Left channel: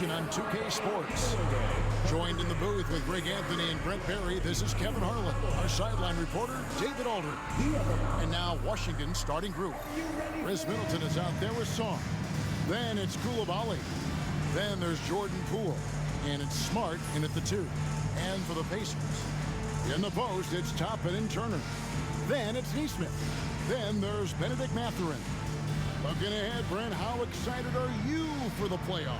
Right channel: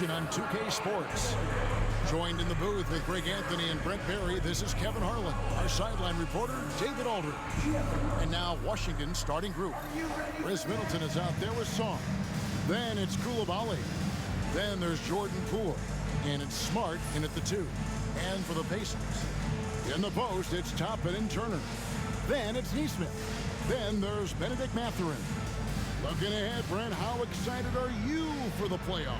action on 2K Sports. Joined in the booth with Greg Anthony and Brent Barry, this is Kevin Harlan. Our sideline reporter, David Aldridge. And now Washington's starting group. Chris Middleton is out there with Song. Then it's Koulibaly. Then there's Jordan Poole. And it's Smart in at the 2. And for the Pacers, in the post, it's Toppin and Turner. Then it's Nesmith. Then there's Benedict Mathurin. Looking ahead, Brent, how excited are you for the playoffs?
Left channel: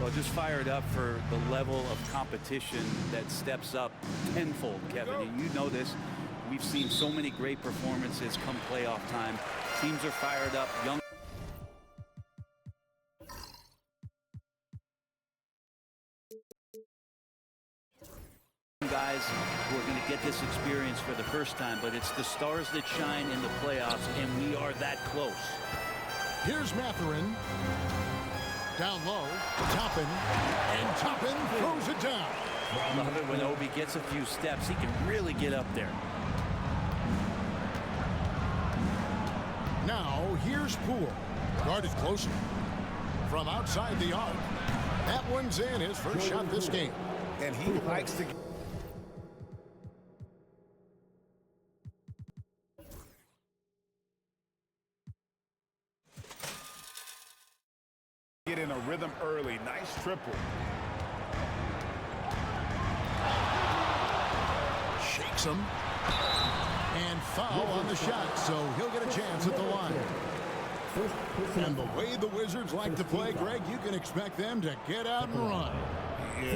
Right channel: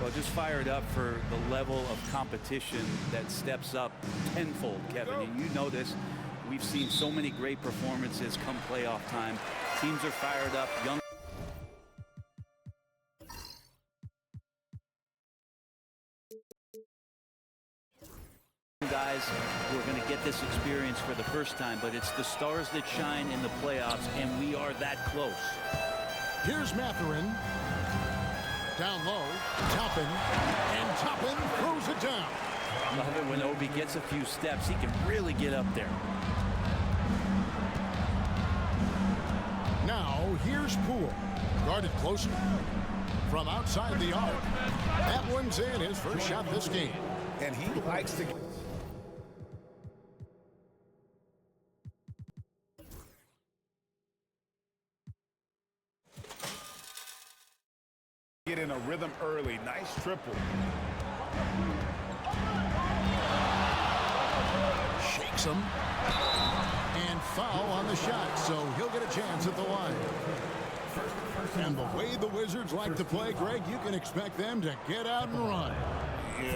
Well, just fired up for the level of competition that steps up tenfold, Kevin. And you know this. We've seen so many great performances come playoff time. Teams are fired up. Young guys who are going to get this experience for the first time, but it's the stars that shine in the playoffs, and we are that close. Here's Mathurin. Down low, Toppin, and Toppin throws it down. Love it when Obi gets a few steps. He can really get up there. Now, here's Poole. Guarded closer. From outside the arc. That one's in, his first shot this game. And he likes to get in a rhythm early. Nice triple. Shakes him. And foul on the shot, so he'll get a chance at the line. And the way the Wizards like to play, Greg, you can expect them to get out and run. Yeah,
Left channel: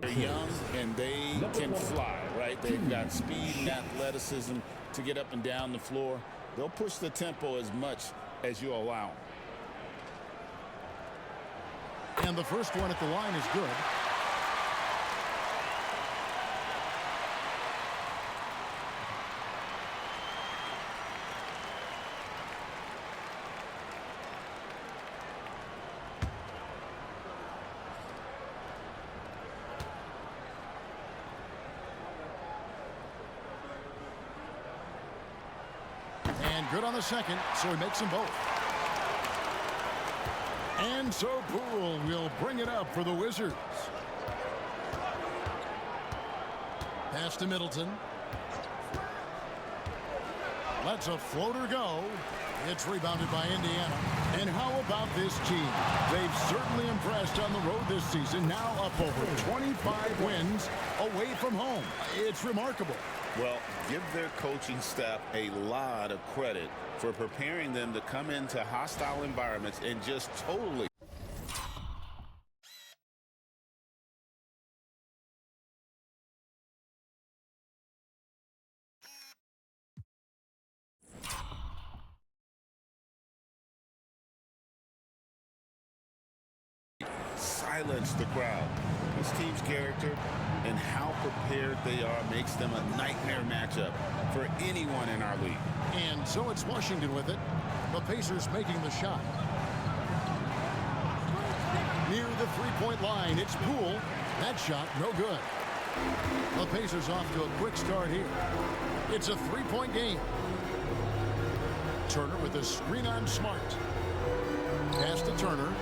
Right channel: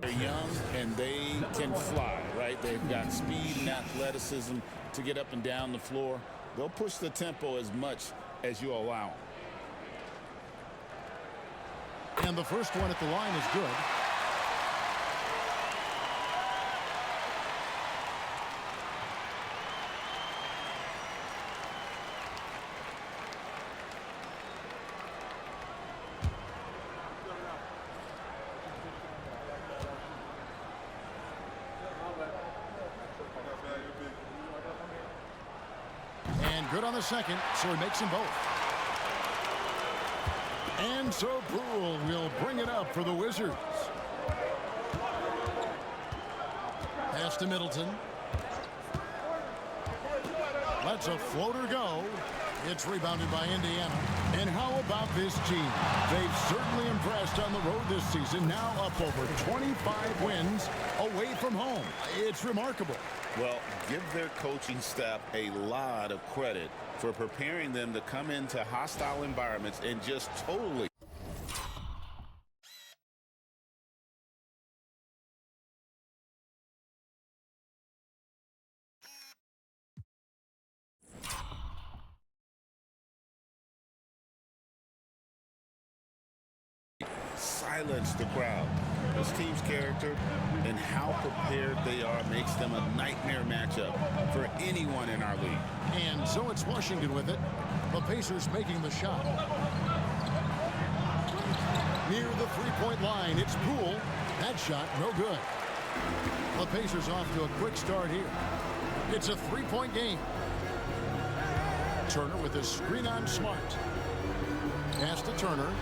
they're young and they can fly, right? They've got speed and athleticism to get up and down the floor. They'll push the tempo as much as you allow them. And the first one at the line is good. And good on the second, so he makes them both. And so Poole will bring it up for the Wizards. Pass to Middleton. Lets a floater go. It's rebounded by Indiana. And how about this team? They've certainly impressed on the road this season. Now up over 25 wins away from home. It's remarkable. Well, give their coaching staff a lot of credit for preparing them to come into hostile environments and just totally silence the crowd. This team's character and how prepared they are makes them a nightmare matchup for anyone in our league. And so it's Washington with it. The Pacers making the shot. Near the three-point line, it's Poole. That shot, no good. The Pacers off to a quick start here. It's a three-point game. Turner with a screen on Smart. Pass to Turner.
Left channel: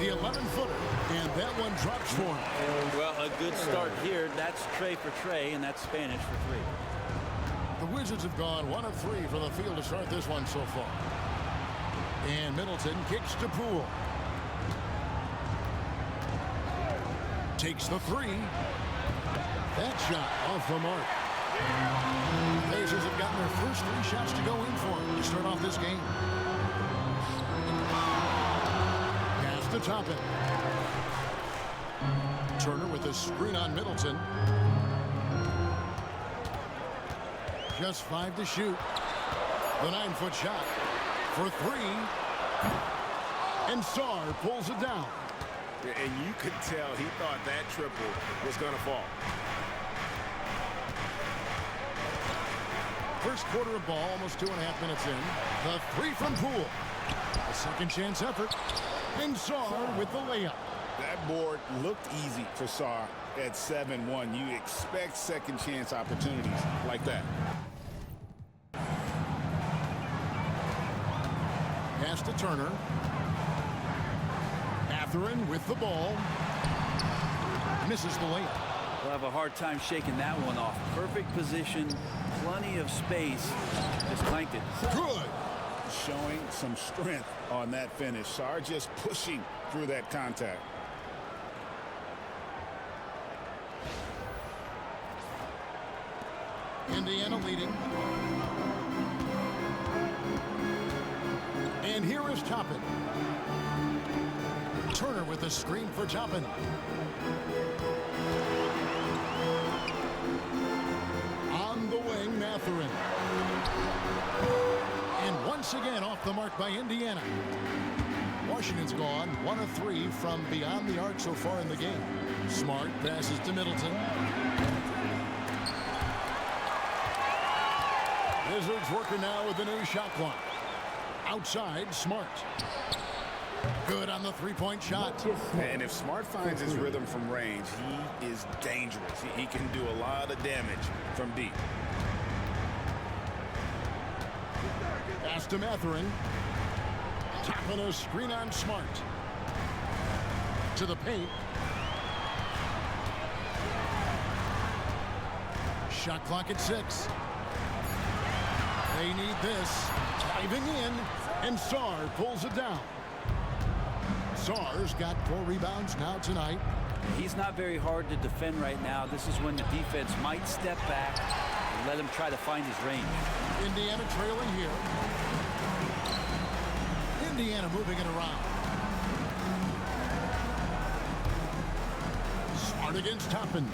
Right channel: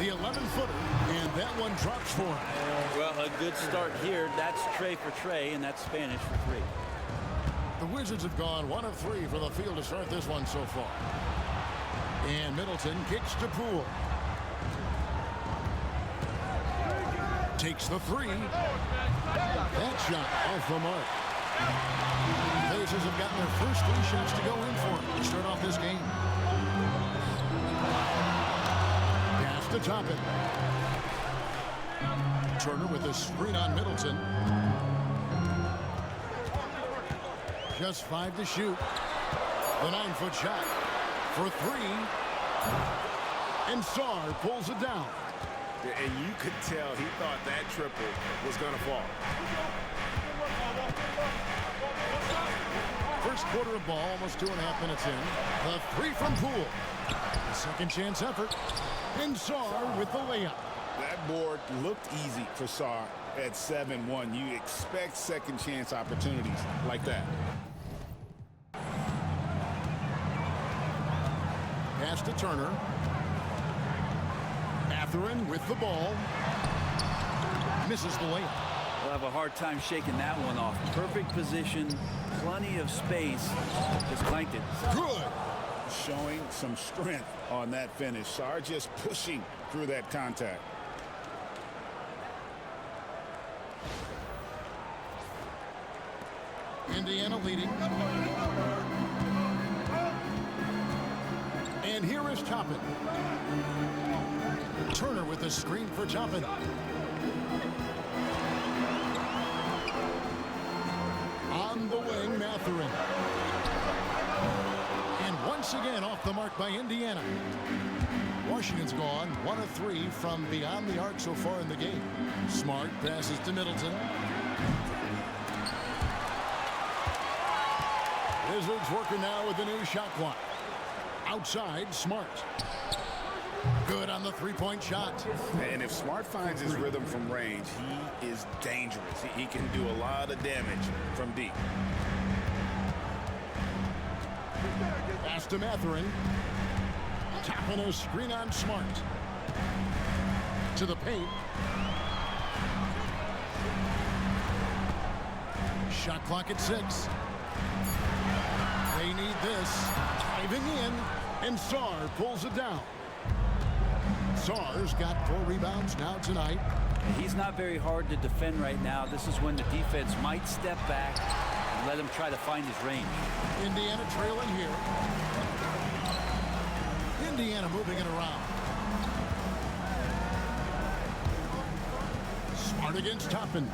The 11-footer, and that one drops for him. Well, a good start here. That's Trey for Trey, and that's Spanish for 3. The Wizards have gone 1 of 3 from the field to start this one so far. And Middleton kicks to Poole. Takes the 3. That shot off the mark. The Pacers have gotten their first 3 shots to go in for to start off this game. Pass to Toppin. Turner with a screen on Middleton. Just 5 to shoot. The 9-foot shot for 3. And Sarr pulls it down. And you could tell he thought that triple was going to fall. First quarter of ball, almost 2.5 minutes in. The 3 from Poole. A second chance effort. And Sarr with the layup. That board looked easy for Sarr at 7-1. You expect second chance opportunities like that. Pass to Turner. Mathurin with the ball. Misses the layup. We'll have a hard time shaking that one off. Perfect position, plenty of space. Just clanked it. Good. Showing some strength on that finish. Sarr just pushing through that contact. Indiana leading. And here is Toppin. Turner with a screen for Toppin. On the wing, Mathurin. And once again off the mark by Indiana. Washington's gone 1 of 3 from beyond the arc so far in the game. Smart passes to Middleton. Wizards working now with the new shot clock. Outside, Smart. Good on the three-point shot. And if Smart finds his rhythm from range, he is dangerous. He can do a lot of damage from deep. Pass to Mathurin. Tapping a screen on Smart. To the paint. Shot clock at 6. They need this. Diving in, and Sarr pulls it down. Sarr's got 4 rebounds now tonight. He's not very hard to defend right now. This is when the defense might step back and let him try to find his range. Indiana trailing here. Indiana moving it around. Smart against Toppin.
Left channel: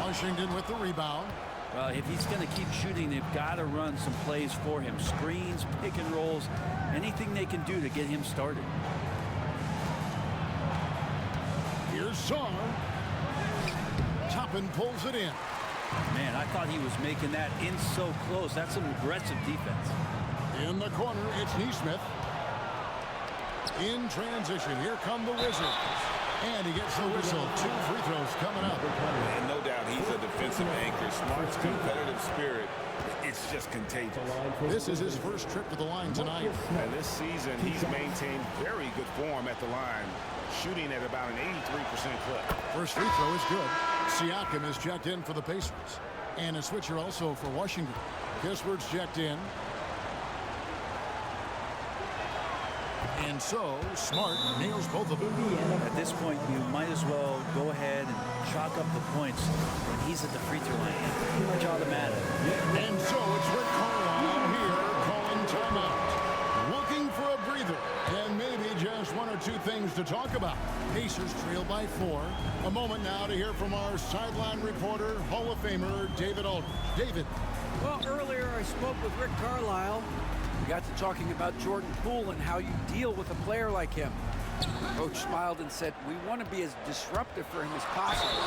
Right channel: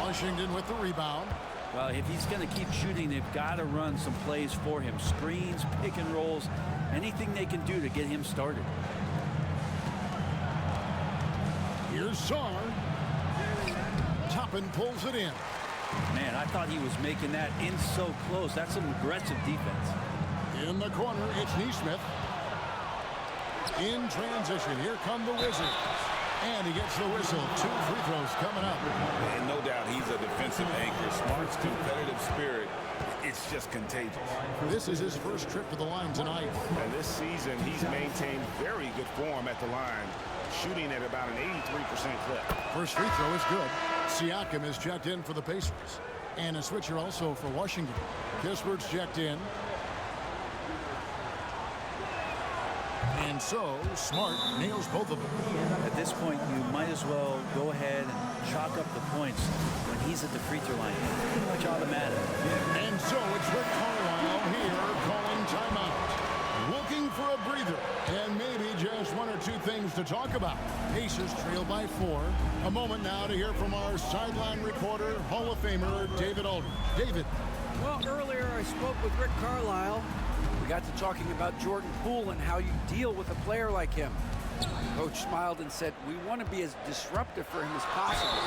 Washington with the rebound. Well, if he's going to keep shooting, they've got to run some plays for him. Screens, pick and rolls, anything they can do to get him started. Here's Sarr. Toppin pulls it in. Man, I thought he was making that in so close. That's some aggressive defense. In the corner, it's Nesmith. In transition, here come the Wizards. And he gets the whistle. 2 free throws coming up. And no doubt he's a defensive anchor. Smart's competitive spirit, it's just contagious. This is his first trip to the line tonight. And this season, he's maintained very good form at the line, shooting at about an 83% clip. First free throw is good. Siakam is checked in for the Pacers. And a switcher also for Washington. Kispert's checked in. And so, Smart nails both of them. At this point, you might as well go ahead and chalk up the points when he's at the free throw line. Pretty much automatic. And so it's Rick Carlisle here calling timeout. Looking for a breather and maybe just 1 or 2 things to talk about. Pacers trail by 4. A moment now to hear from our sideline reporter, Hall of Famer David Aldridge. David. Well, earlier I spoke with Rick Carlisle. We got to talking about Jordan Poole and how you deal with a player like him. Coach smiled and said, we want to be as disruptive for him as possible.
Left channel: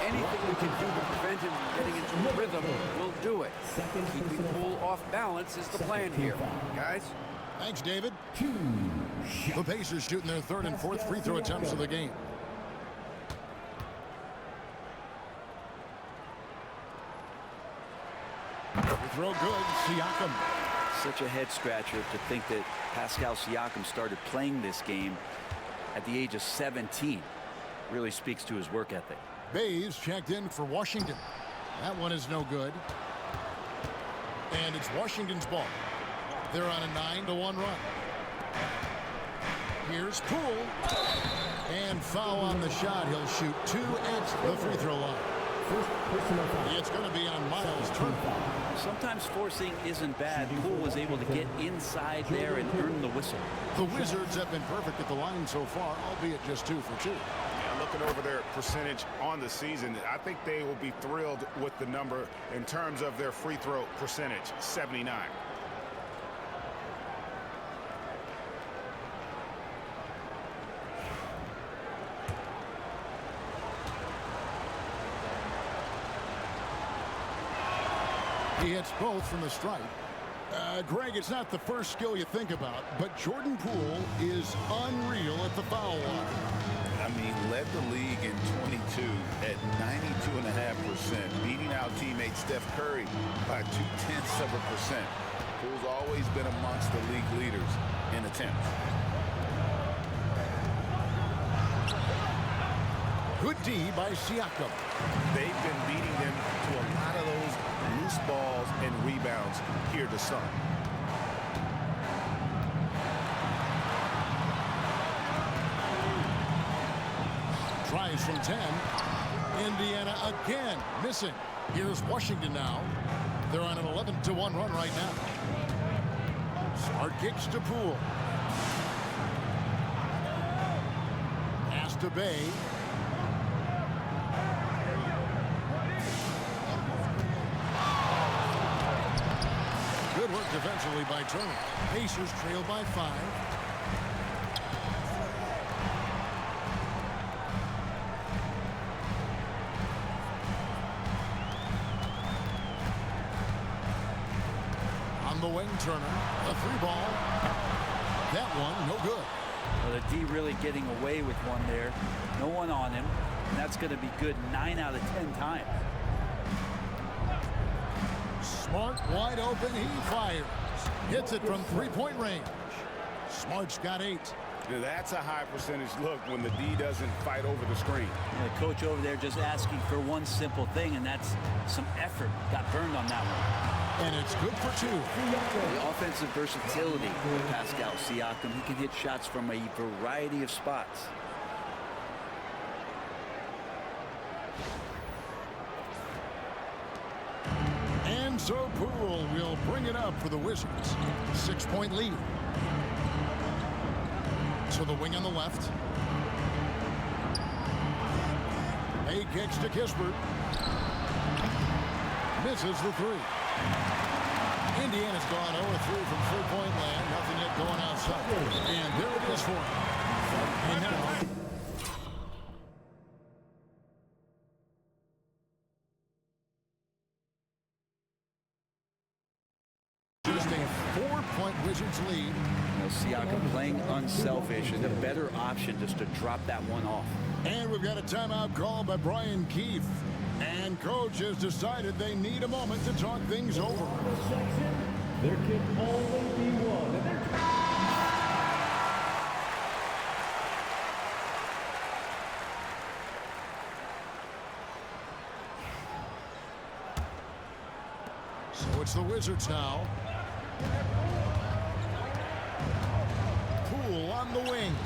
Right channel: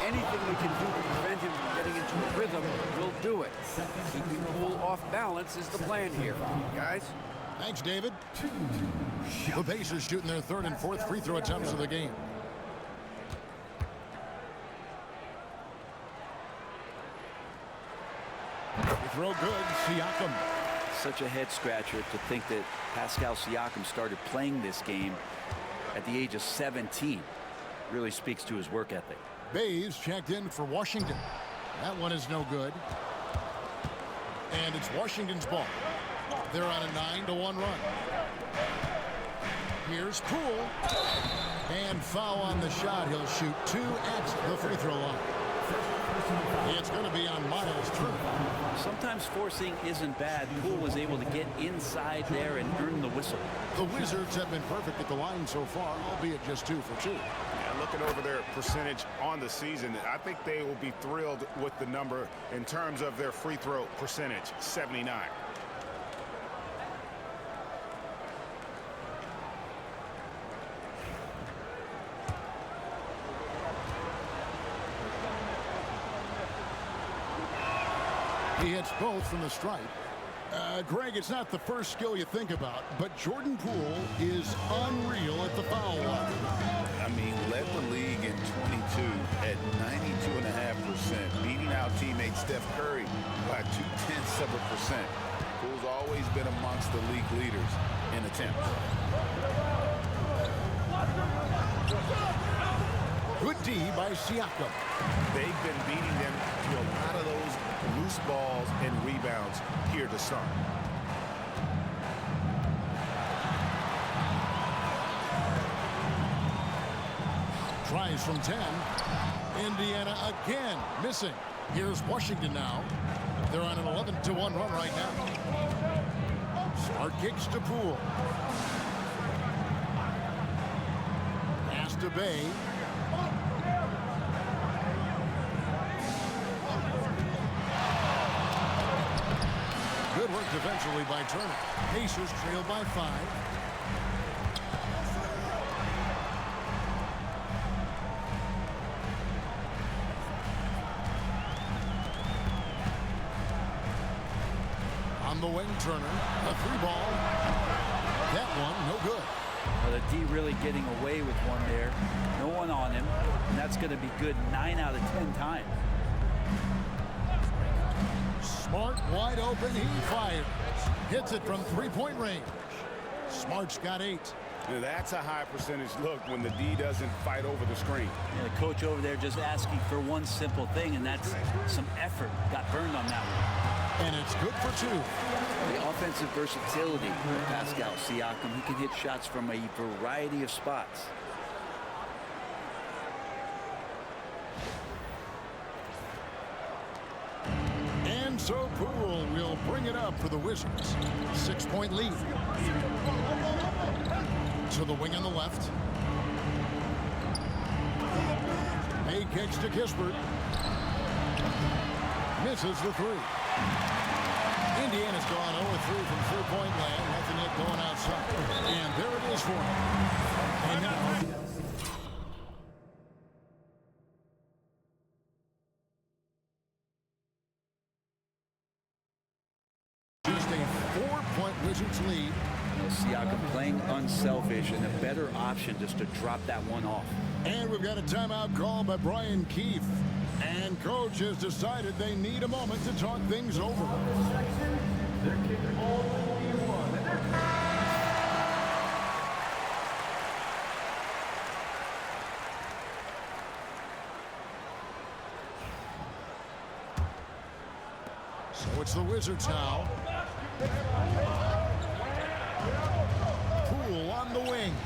Anything we can do to prevent him from getting into a rhythm, we'll do it. Keeping Poole off balance is the plan here. Guys? Thanks, David. The Pacers shooting their 3rd and 4th free throw attempts of the game. Free throw good. Siakam. Such a head scratcher to think that Pascal Siakam started playing this game at the age of 17. Really speaks to his work ethic. Bays checked in for Washington. That one is no good. And it's Washington's ball. They're on a 9-1 run. Here's Poole. And foul on the shot. He'll shoot 2 at the free throw line. It's going to be on Miles Turner. Sometimes forcing isn't bad. Poole was able to get inside there and earn the whistle. The Wizards have been perfect at the line so far, albeit just 2 for 2. Yeah, looking over their percentage on the season, I think they will be thrilled with the number in terms of their free throw percentage, 79. He hits both from the stripe. Greg, it's not the first skill you think about, but Jordan Poole is unreal at the foul line. I mean, led the league in 22 at 92.5%, beating out teammate Steph Curry by 0.2%. Poole's always been amongst the league leaders in attempts. Good D by Siakam. They've been beating them to a lot of those loose balls and rebounds here to start. Tries from 10. Indiana again missing. Here's Washington now. They're on an 11-1 run right now. Smart kicks to Poole. Pass to Bay. Good work defensively by Turner. Pacers trail by 5. On the wing, Turner. A 3-ball. That one, no good. Well, the D really getting away with one there. No one on him. And that's going to be good 9 out of 10 times. Smart wide open. He fires. Hits it from 3-point range. Smart's got 8. Now, that's a high percentage look when the D doesn't fight over the screen. Yeah, the coach over there just asking for one simple thing, and that's some effort. Got burned on that one. And it's good for 2. The offensive versatility of Pascal Siakam. He can hit shots from a variety of spots. And so Poole will bring it up for the Wizards. 6-point lead. To the wing on the left. Bay kicks to Kispert. Misses the 3. Indiana's gone 0-3 from 3-point land. Nothing yet going outside. And there it is for him. And now... just a 4-point Wizards lead. You know, Siakam playing unselfish and a better option just to drop that one off. And we've got a timeout call by Brian Keefe. And coach has decided they need a moment to talk things over. Their kick ball will be one. And their so it's the Wizards now. Poole on the wing.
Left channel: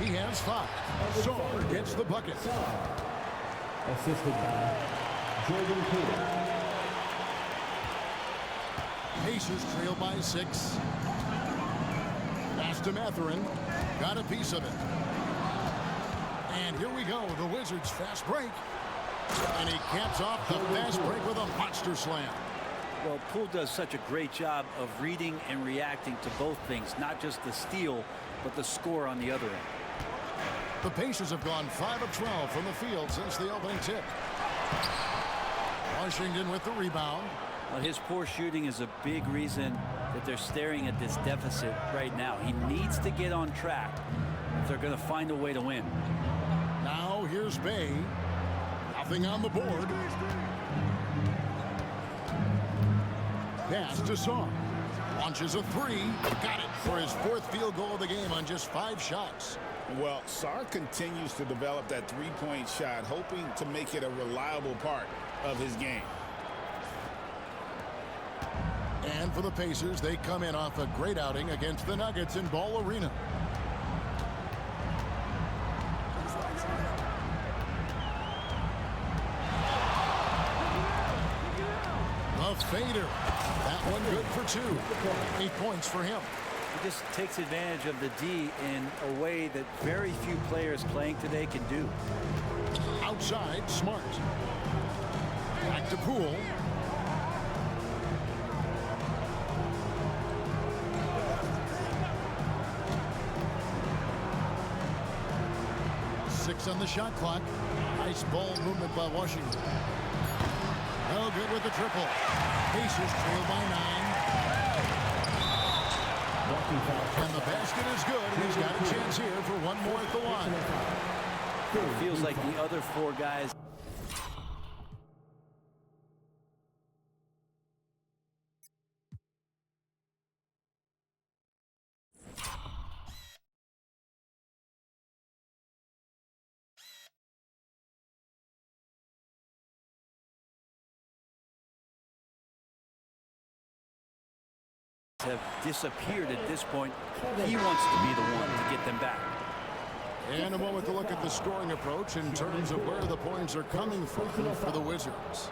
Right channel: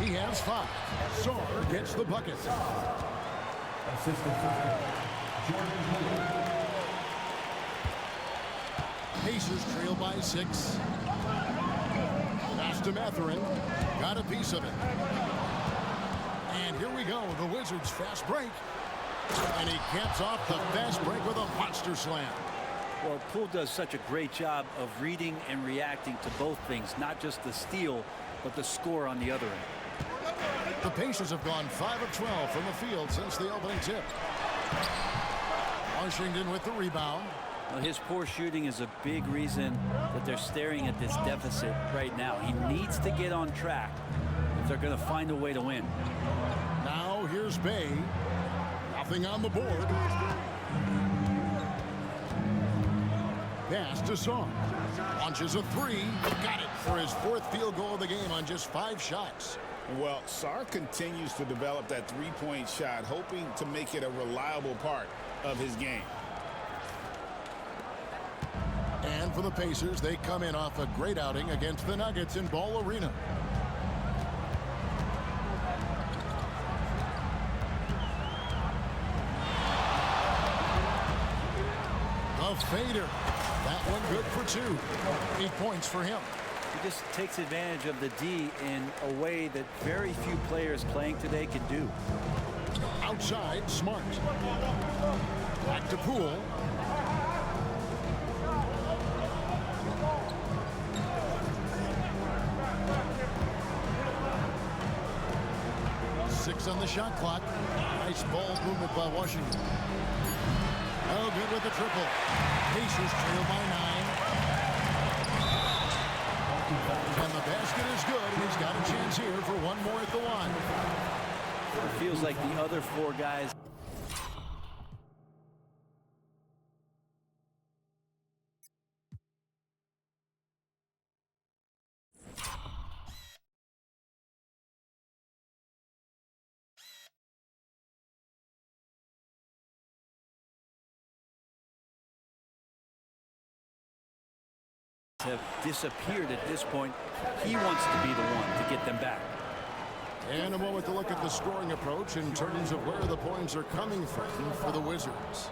He has 5. Sarr gets the bucket. assisted by Jordan Poole. Pacers trail by 6. Pass to Mathurin. Got a piece of it. And here we go. The Wizards fast break. And he caps off the fast break with a monster slam. Well, Poole does such a great job of reading and reacting to both things, not just the steal, but the score on the other end. The Pacers have gone 5 of 12 from the field since the opening tip. Washington with the rebound. Well, his poor shooting is a big reason that they're staring at this deficit right now. He needs to get on track if they're going to find a way to win. Now here's Bay. Nothing on the board. Pass to Sarr. Launches a 3. Got it for his 4th field goal of the game on just 5 shots. Well, Sarr continues to develop that three-point shot, hoping to make it a reliable part of his game. And for the Pacers, they come in off a great outing against the Nuggets in Ball Arena. The fader. That one good for 2. 8 points for him. He just takes advantage of the D in a way that very few players playing today can do. Outside, Smart. Back to Poole. Six on the shot clock. Nice ball movement by Washington. No good with the triple. Pacers trail by 9. And the basket is good, and he's got a chance here for one more at the line. It feels like the other 4 guys have disappeared at this point. He wants to be the one to get them back. And a moment to look at the scoring approach in terms of where the points are coming from for the Wizards.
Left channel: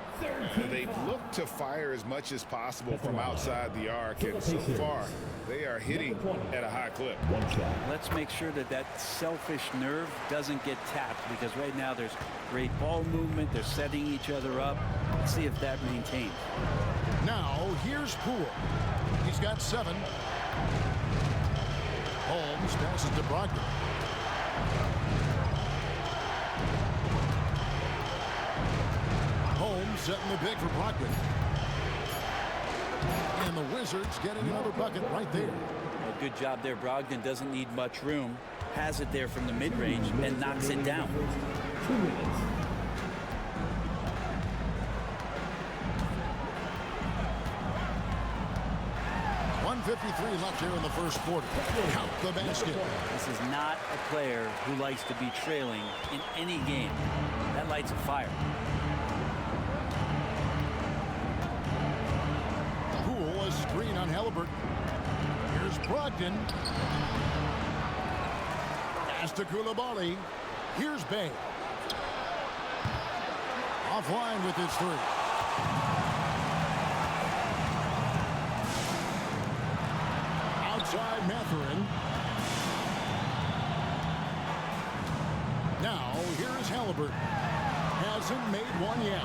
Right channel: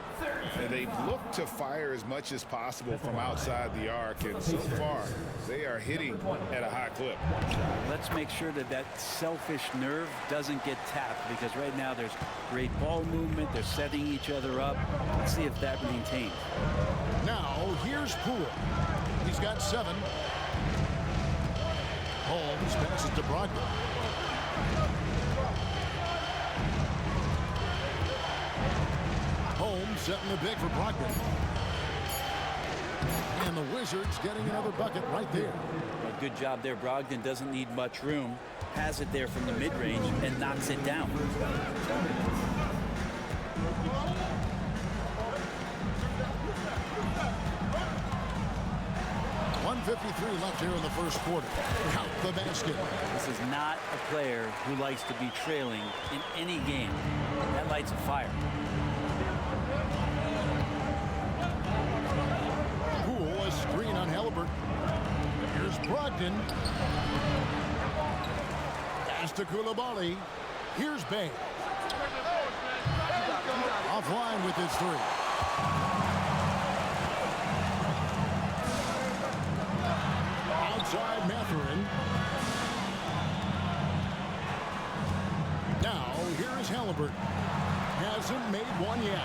They've looked to fire as much as possible from outside the arc, and so far they are hitting at a high clip. Let's make sure that that selfish nerve doesn't get tapped, because right now there's great ball movement. They're setting each other up. Let's see if that maintains. Now here's Poole. He's got 7. Holmes passes to Brogdon. Holmes setting the big for Brogdon. And the Wizards getting another bucket right there. A good job there. Brogdon doesn't need much room. Has it there from the mid-range and knocks it down. 1:53 left here in the first quarter. Count the basket. This is not a player who likes to be trailing in any game. That lights a fire. Poole, a screen on Halliburton. Here's Brogdon. Pass to Coulibaly. Here's Bay. Offline with his 3. Outside Mathurin. Now here is Halliburton. Hasn't made one yet.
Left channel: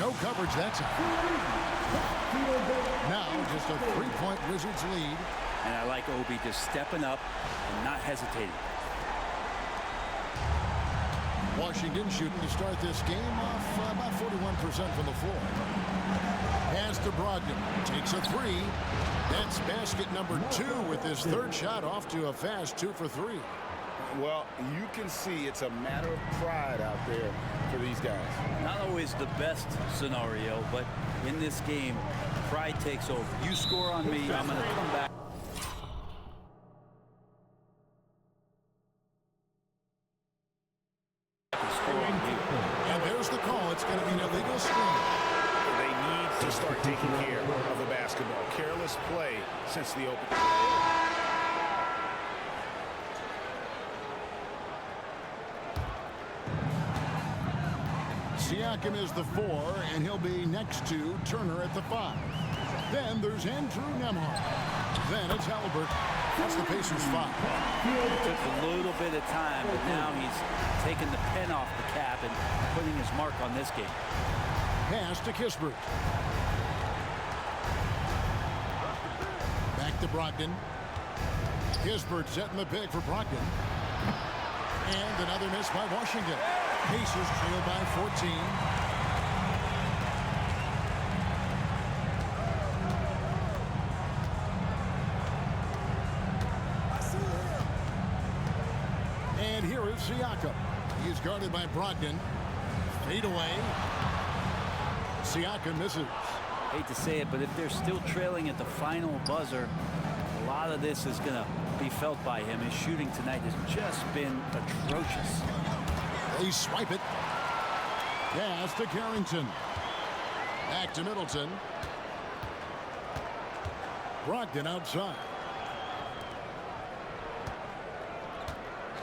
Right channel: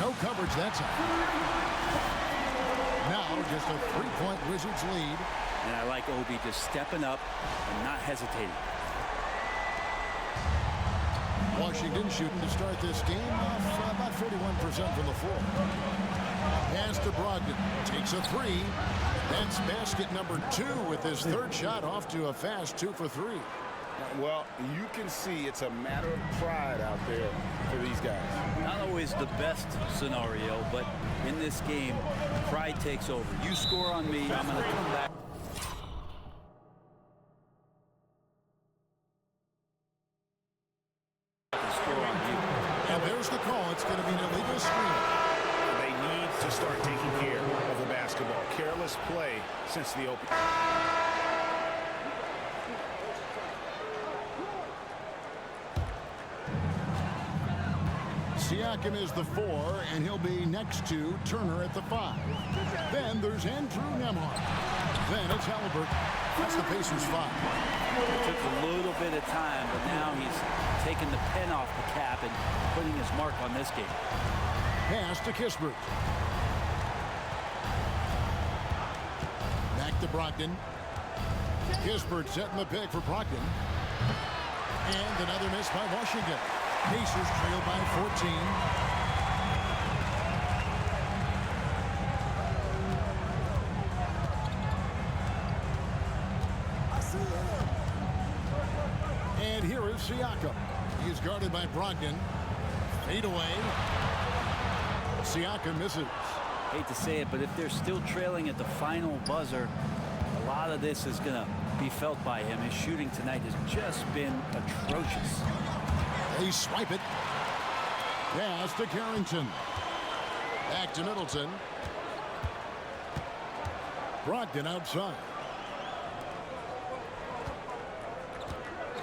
No coverage that time. Now just a 3-point Wizards lead. And I like Obi just stepping up and not hesitating. Washington shooting to start this game off about 41% from the floor. Pass to Brogdon. Takes a 3. That's basket number 2 with his 3rd shot off to a fast 2 for 3. Well, you can see it's a matter of pride out there for these guys. Not always the best scenario, but in this game, pride takes over. You score on me, I'm going to come back. And score on you. And there's the call. It's going to be an illegal screen. They need to start taking care of the basketball. Careless play since the open. Siakam is the 4, and he'll be next to Turner at the 5. Then there's Andrew Nembhard. Then it's Halliburton. That's the Pacers' 5. It took a little bit of time, but now he's taking the pen off the cap and putting his mark on this game. Pass to Kispert. Back to Brogdon. Kispert setting the pick for Brogdon. And another miss by Washington. Pacers trail by 14. I see him. And here is Siakam. He is guarded by Brogdon. Fade away. Siakam misses. Hate to say it, but if they're still trailing at the final buzzer, a lot of this is going to be felt by him. His shooting tonight has just been atrocious. They swipe it. Pass to Carrington. Back to Middleton. Brogdon outside.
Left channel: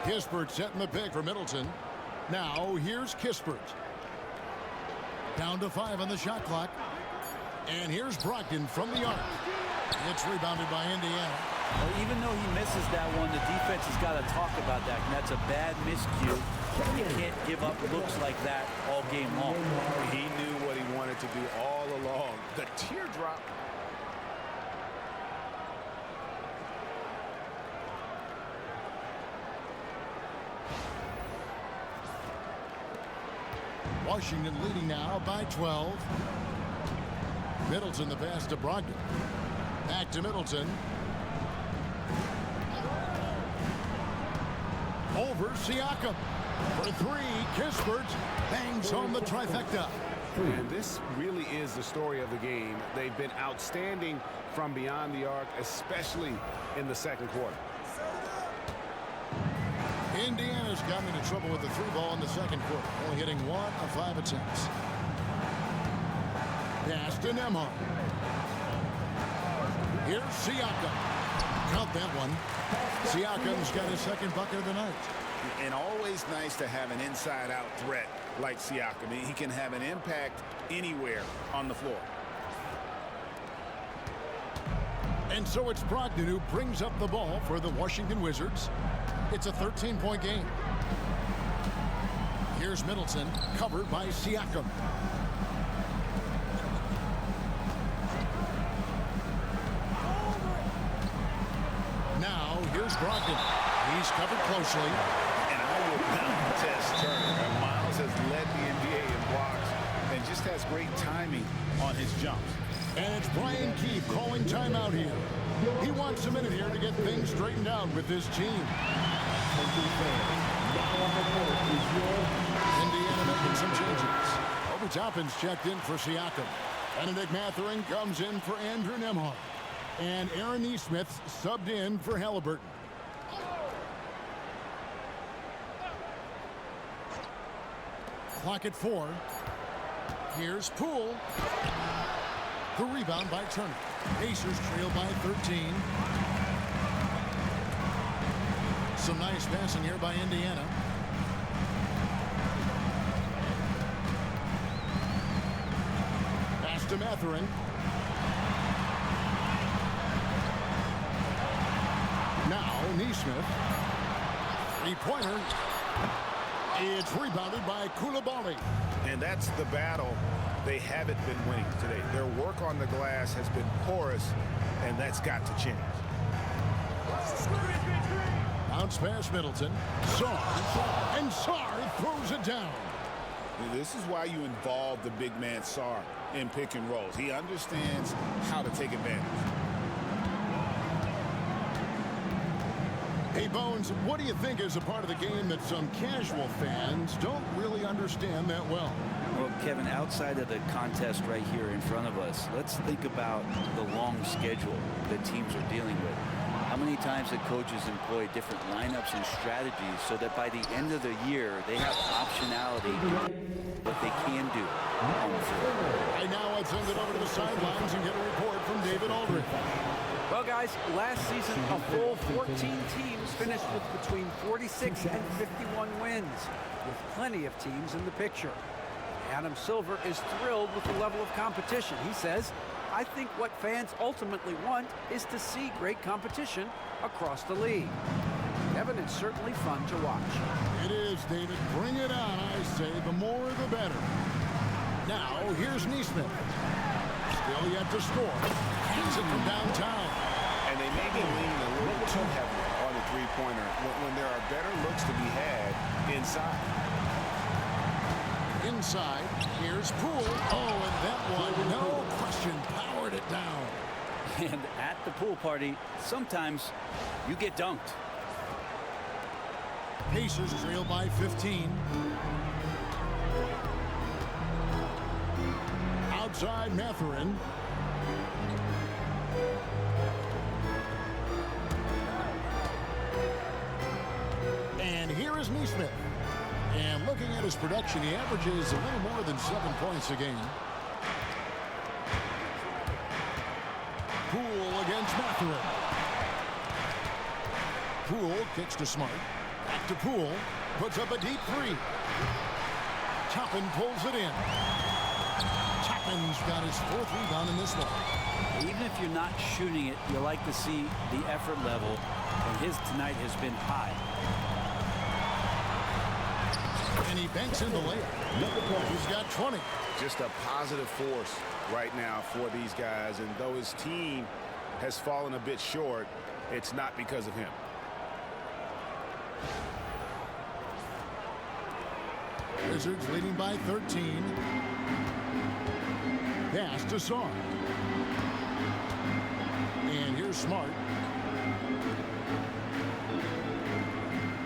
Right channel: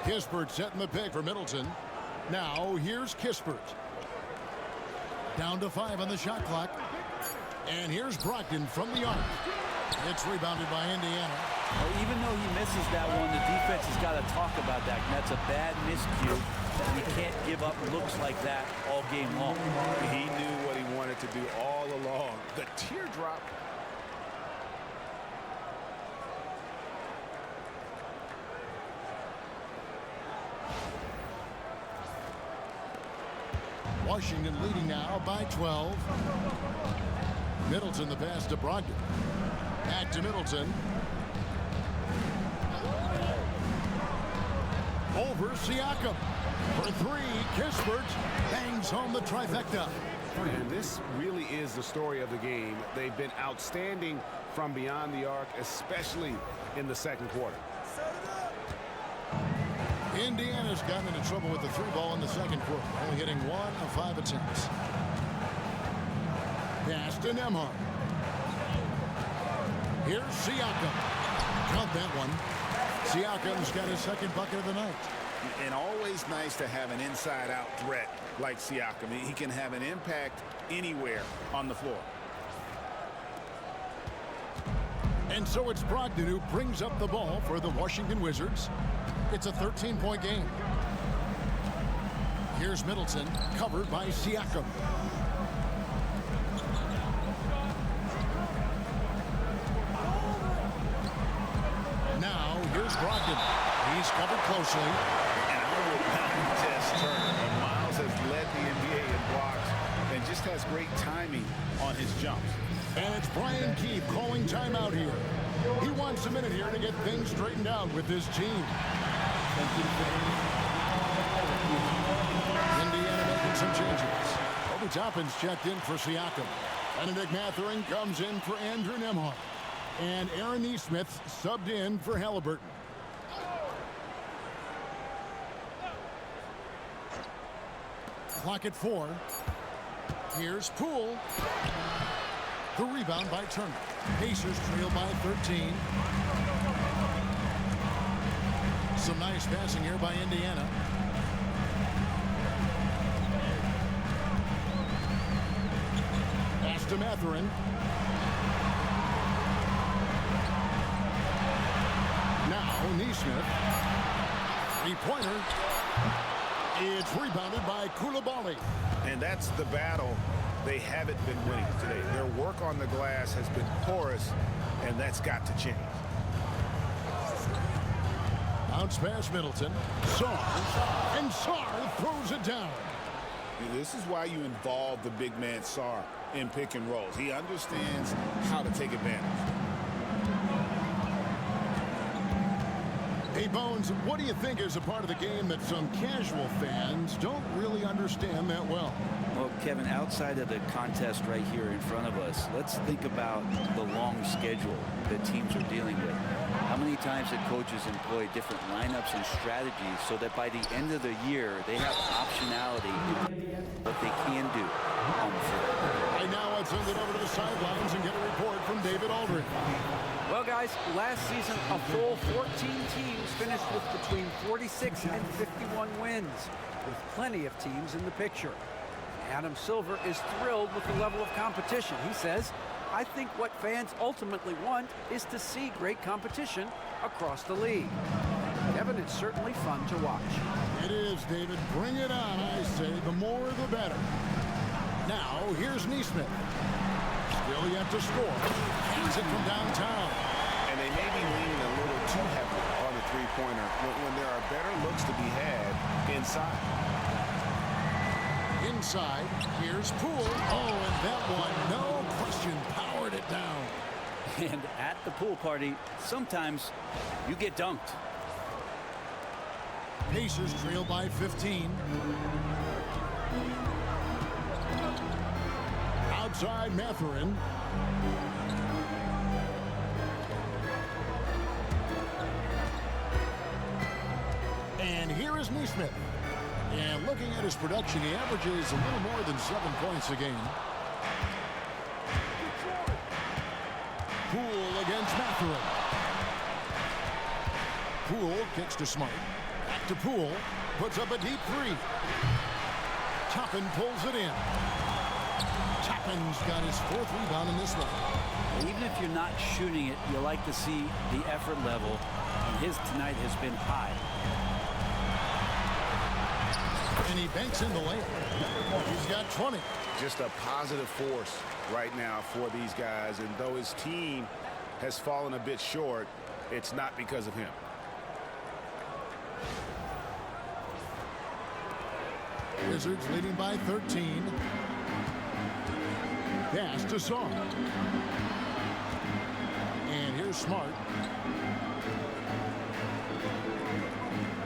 Kispert setting the pick for Middleton. Now here's Kispert. Down to 5 on the shot clock. And here's Brogdon from the arc. It's rebounded by Indiana. Well, even though he misses that one, the defense has got to talk about that. And that's a bad miscue. You can't give up looks like that all game long. He knew what he wanted to do all along. The teardrop. Washington leading now by 12. Middleton the pass to Brogdon. Back to Middleton. Over Siakam. For three, Kispert bangs home the trifecta. And this really is the story of the game. They've been outstanding from beyond the arc, especially in the second quarter. Indiana's gotten into trouble with the three ball in the second quarter, only hitting 1 of 5 attempts. Pass to Nembhard. Here's Siakam. Count that one. Siakam's got his second bucket of the night. And always nice to have an inside-out threat like Siakam. He can have an impact anywhere on the floor. And so it's Brogdon who brings up the ball for the Washington Wizards. It's a 13-point game. Here's Middleton, covered by Siakam. Now, here's Brogdon. He's covered closely. And I would not test Turner. And Miles has led the NBA in blocks and just has great timing on his jumps. And it's Brian Keefe calling timeout here. He wants a minute here to get things straightened out with his team. Indiana making some changes. Obi Toppin's checked in for Siakam. Benedict Mathurin comes in for Andrew Nembhard. And Aaron Nesmith subbed in for Halliburton. Clock at 4. Here's Poole. The rebound by Turner. Pacers trail by 13. Some nice passing here by Indiana. Pass to Mathurin. Now Nesmith. Three-pointer. It's rebounded by Coulibaly. And that's the battle they haven't been winning today. Their work on the glass has been porous, and that's got to change. Bounce pass Middleton. Sarr. And Sarr throws it down. This is why you involve the big man Sarr in pick and rolls. He understands how to take advantage. Hey, Bones, what do you think is a part of the game that some casual fans don't really understand that well? Well, Kevin, outside of the contest right here in front of us, let's think about the long schedule that teams are dealing with. How many times have coaches employed different lineups and strategies so that by the end of the year, they have optionality to what they can do on the floor? Right now, let's send it over to the sidelines and get a report from David Aldridge. Well, guys, last season, a full 14 teams finished with between 46 and 51 wins, with plenty of teams in the picture. Adam Silver is thrilled with the level of competition. He says, I think what fans ultimately want is to see great competition across the league. Kevin, it's certainly fun to watch. It is, David. Bring it on, I say. The more, the better. Now, here's Nesmith. Still yet to score. Hands it from downtown. And they may be leaning a little too heavily on the three-pointer when there are better looks to be had inside. Inside, here's Poole. Oh, and that one, no question, powered it down. And at the pool party, sometimes you get dunked. Pacers trail by 15. Outside Mathurin. And here is Nesmith. And looking at his production, he averages a little more than 7 points a game. Poole against Mathurin. Poole kicks to Smart. Back to Poole. Puts up a deep three. Toppin pulls it in. Toppin's got his 4th rebound in this one. Even if you're not shooting it, you like to see the effort level, and his tonight has been high. And he banks in the layup. He's got 20. Just a positive force right now for these guys, and though his team has fallen a bit short, it's not because of him. Wizards leading by 13. Pass to Sarr. And here's Smart.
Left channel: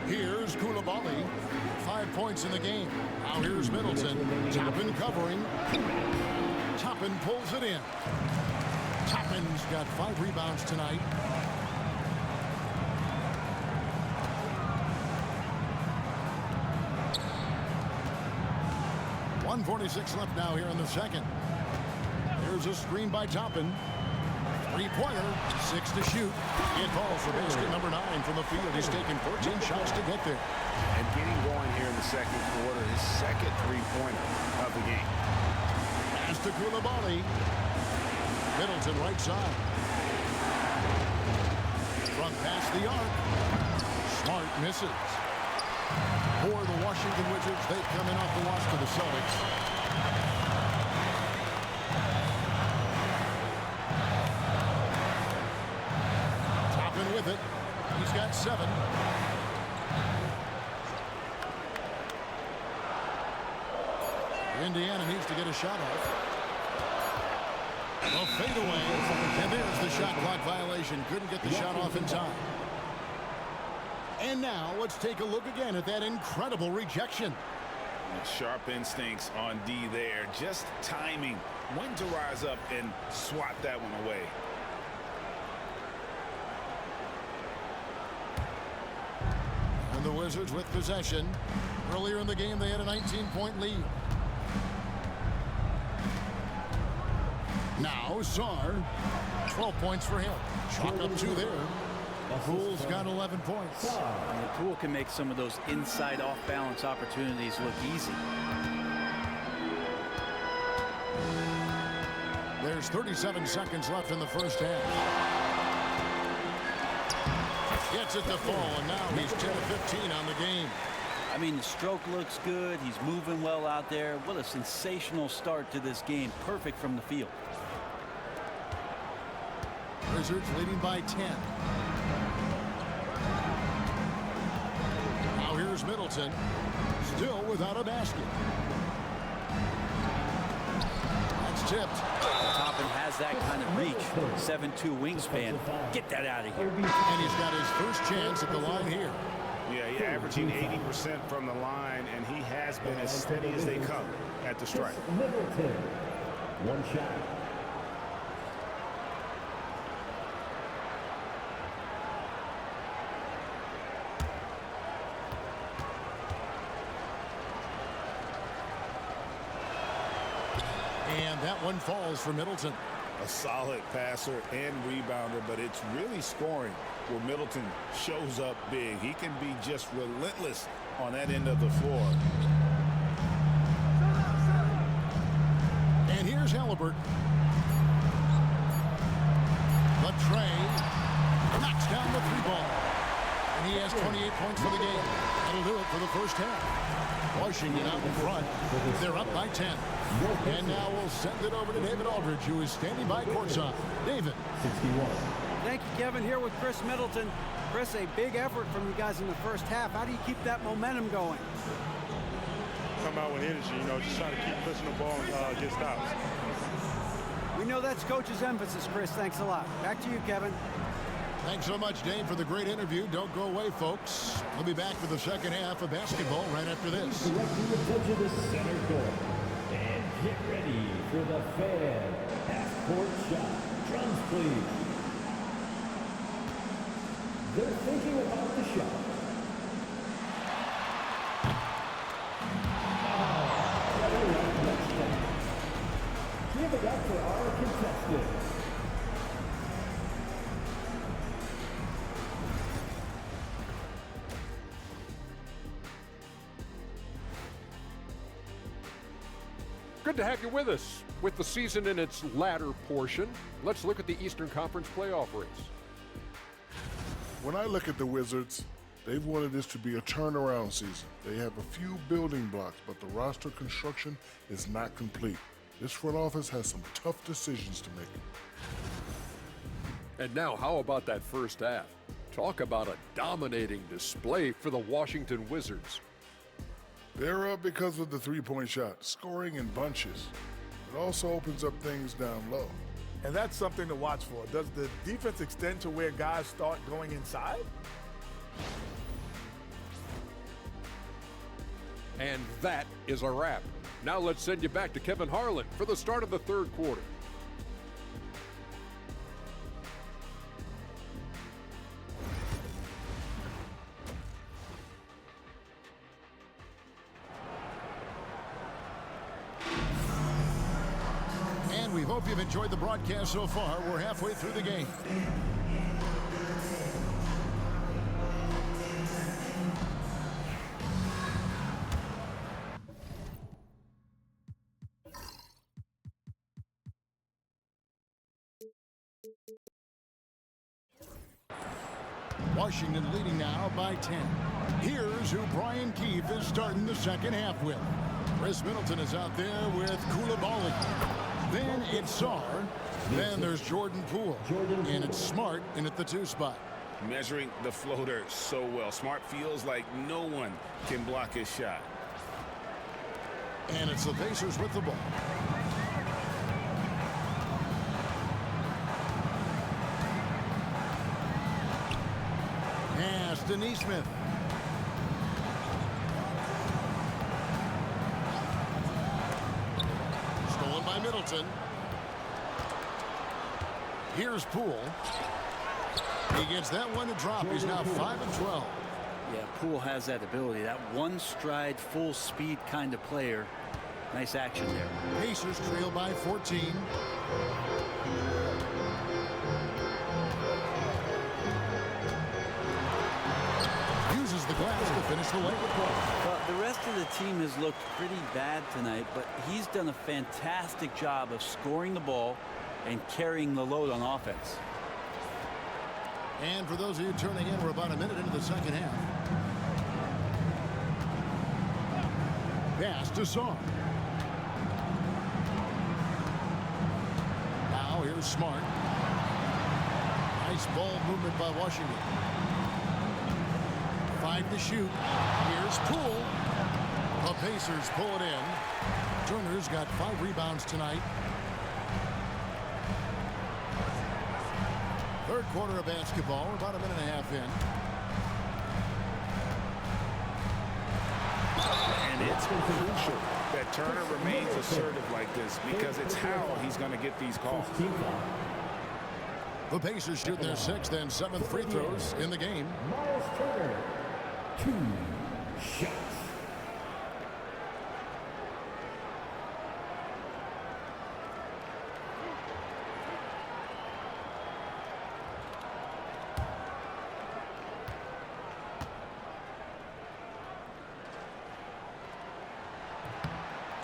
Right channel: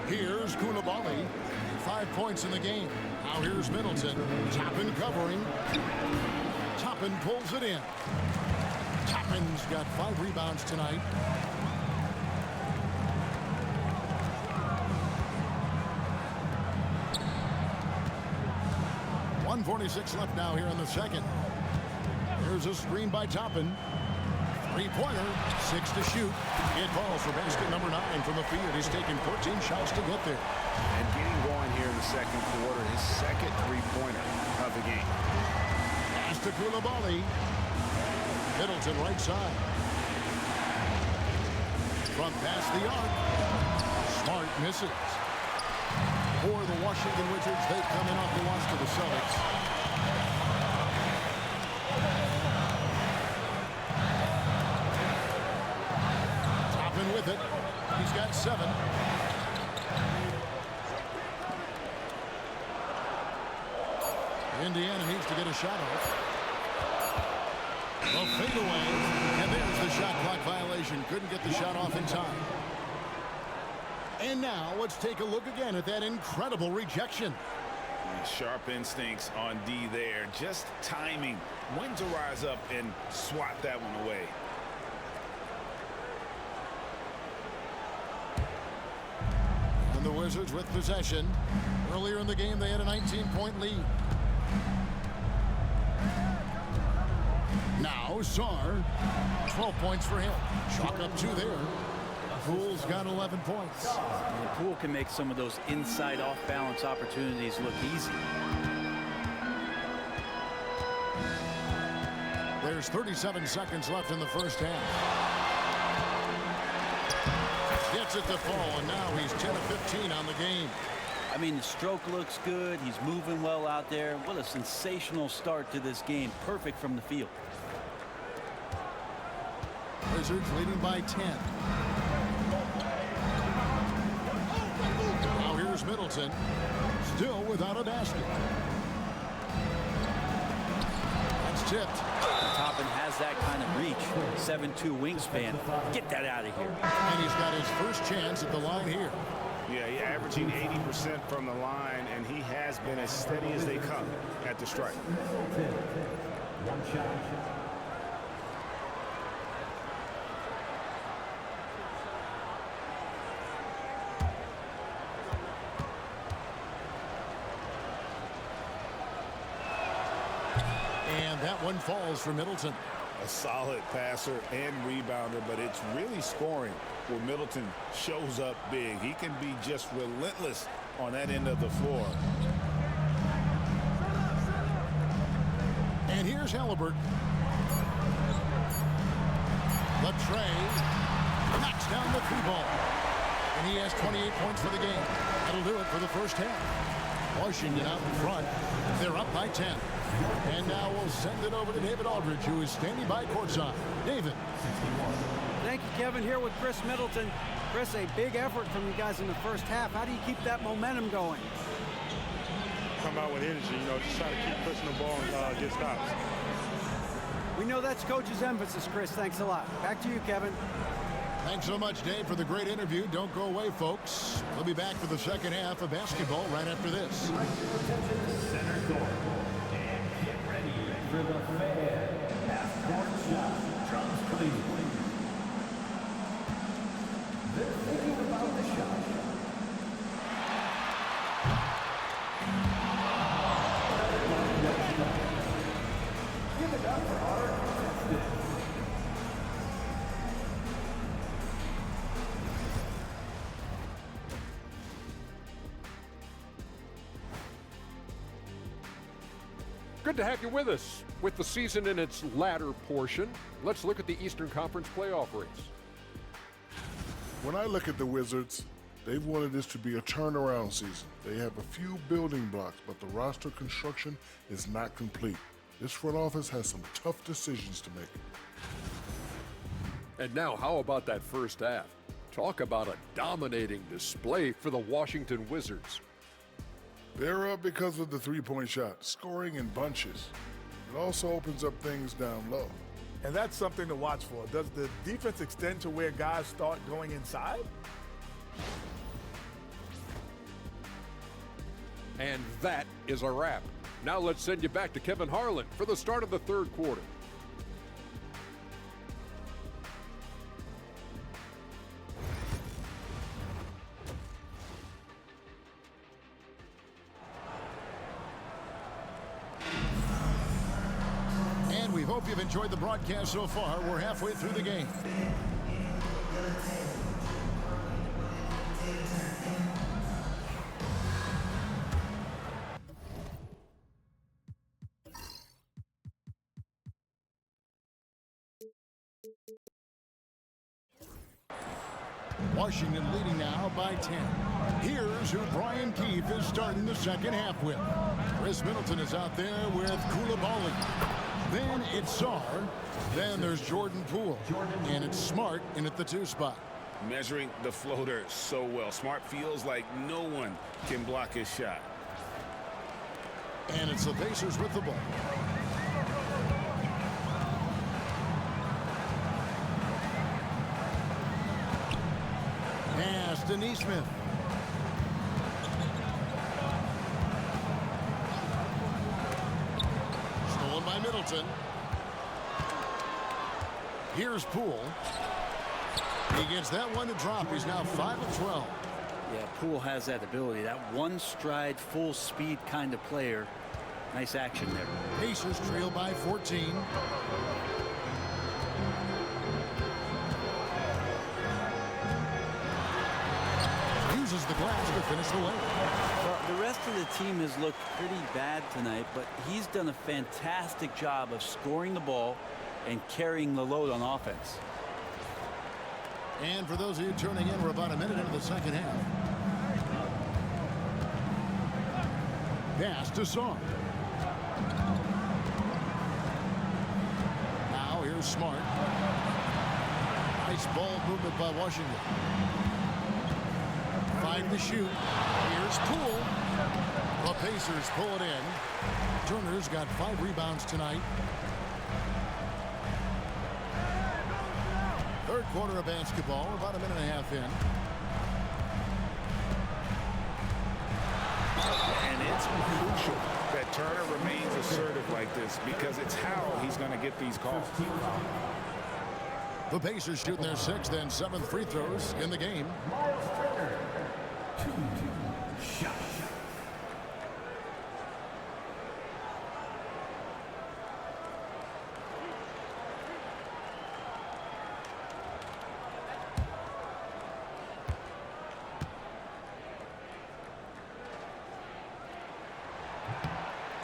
Here's Coulibaly. 5 points in the game. Now here's Middleton. Toppin covering. Toppin pulls it in. Toppin's got 5 rebounds tonight. .146 left now here in the second. There's a screen by Toppin. 3-pointer, 6 to shoot. It falls for basket number 9 from the field. He's taken 14 shots to get there. And getting going here in the second quarter, his second 3-pointer of the game. Pass to Koulibaly. Middleton right side. Front past the arc. Smart misses. For the Washington Wizards, they come in off the loss to the Celtics. Toppin with it. He's got 7. Indiana needs to get a shot off. A fadeaway, and there's the shot clock violation. Couldn't get the shot off in time. And now let's take a look again at that incredible rejection. Sharp instincts on D there. Just timing when to rise up and swat that one away. And the Wizards with possession. Earlier in the game, they had a 19-point lead. Now, Sarr, 12 points for him. Chalk up 2 there. Poole's got 11 points. And Poole can make some of those inside off-balance opportunities look easy. There's 37 seconds left in the first half. Gets it to fall, and now he's 10 of 15 on the game. I mean, the stroke looks good. He's moving well out there. What a sensational start to this game. Perfect from the field. Wizards leading by 10. Now here's Middleton, still without a basket. That's tipped. Toppin has that kind of reach. 7'2" wingspan. Get that out of here. And he's got his first chance at the line here. Yeah, he's averaging 80% from the line, and he has been as steady as they come at the stripe. Middleton, 1 shot. And that one falls for Middleton. A solid passer and rebounder, but it's really scoring where Middleton shows up big. He can be just relentless on that end of the floor. And here's Halliburton. The tray knocks down the 3-ball. And he has 28 points for the game. That'll do it for the first half. Washington out in front. They're up by 10. And now we'll send it over to David Aldridge, who is standing by courtside. David. 61. Thank you, Kevin. Here with Chris Middleton. Chris, a big effort from you guys in the first half. How do you keep that momentum going? Come out with energy, just trying to keep pushing the ball and get stops. We know that's coach's emphasis, Chris. Thanks a lot. Back to you, Kevin. Thanks so much, Dave, for the great interview. Don't go away, folks. We'll be back for the second half of basketball right after this. Direct your attention to center court. And get ready for the fan half-court shot. Drums, please. They're thinking about the shot. Give it up for our contestants. Good to have you with us. With the season in its latter portion, let's look at the Eastern Conference playoff race. When I look at the Wizards, they've wanted this to be a turnaround season. They have a few building blocks, but the roster construction is not complete. This front office has some tough decisions to make. And now, how about that first half? Talk about a dominating display for the Washington Wizards. They're up because of the three-point shot, scoring in bunches. It also opens up things down low. And that's something to watch for. Does the defense extend to where guys start going inside? And that is a wrap. Now let's send you back to Kevin Harlan for the start of the third quarter. And we hope you've enjoyed the broadcast so far. We're halfway through the game. Washington leading now by 10. Here's who Brian Keefe is starting the second half with. Chris Middleton is out there with Koulibaly. Then it's Sarr. Then there's Jordan Poole. And it's Smart in at the 2 spot. Measuring the floater so well. Smart feels like no one can block his shot. And it's the Pacers with the ball. Pass to Neesmith. Stolen by Middleton. Here's Poole. He gets that one to drop. He's now 5 of 12. Yeah, Poole has that ability. That one stride, full speed kind of player. Nice action there. Pacers trail by 14. Uses the glass to finish the layup. Well, the rest of the team has looked pretty bad tonight, but he's done a fantastic job of scoring the ball and carrying the load on offense. And for those of you turning in, we're about a minute into the second half. Pass to Sarr. Now here's Smart. Nice ball movement by Washington. 5 to shoot. Here's Poole. The Pacers pull it in. Turner's got 5 rebounds tonight. Third quarter of basketball. We're about a minute and a half in. And it's crucial that Turner remains assertive like this because it's how he's going to get these calls. The Pacers shooting their 6th and 7th free throws in the game. Miles Turner, 2 shots.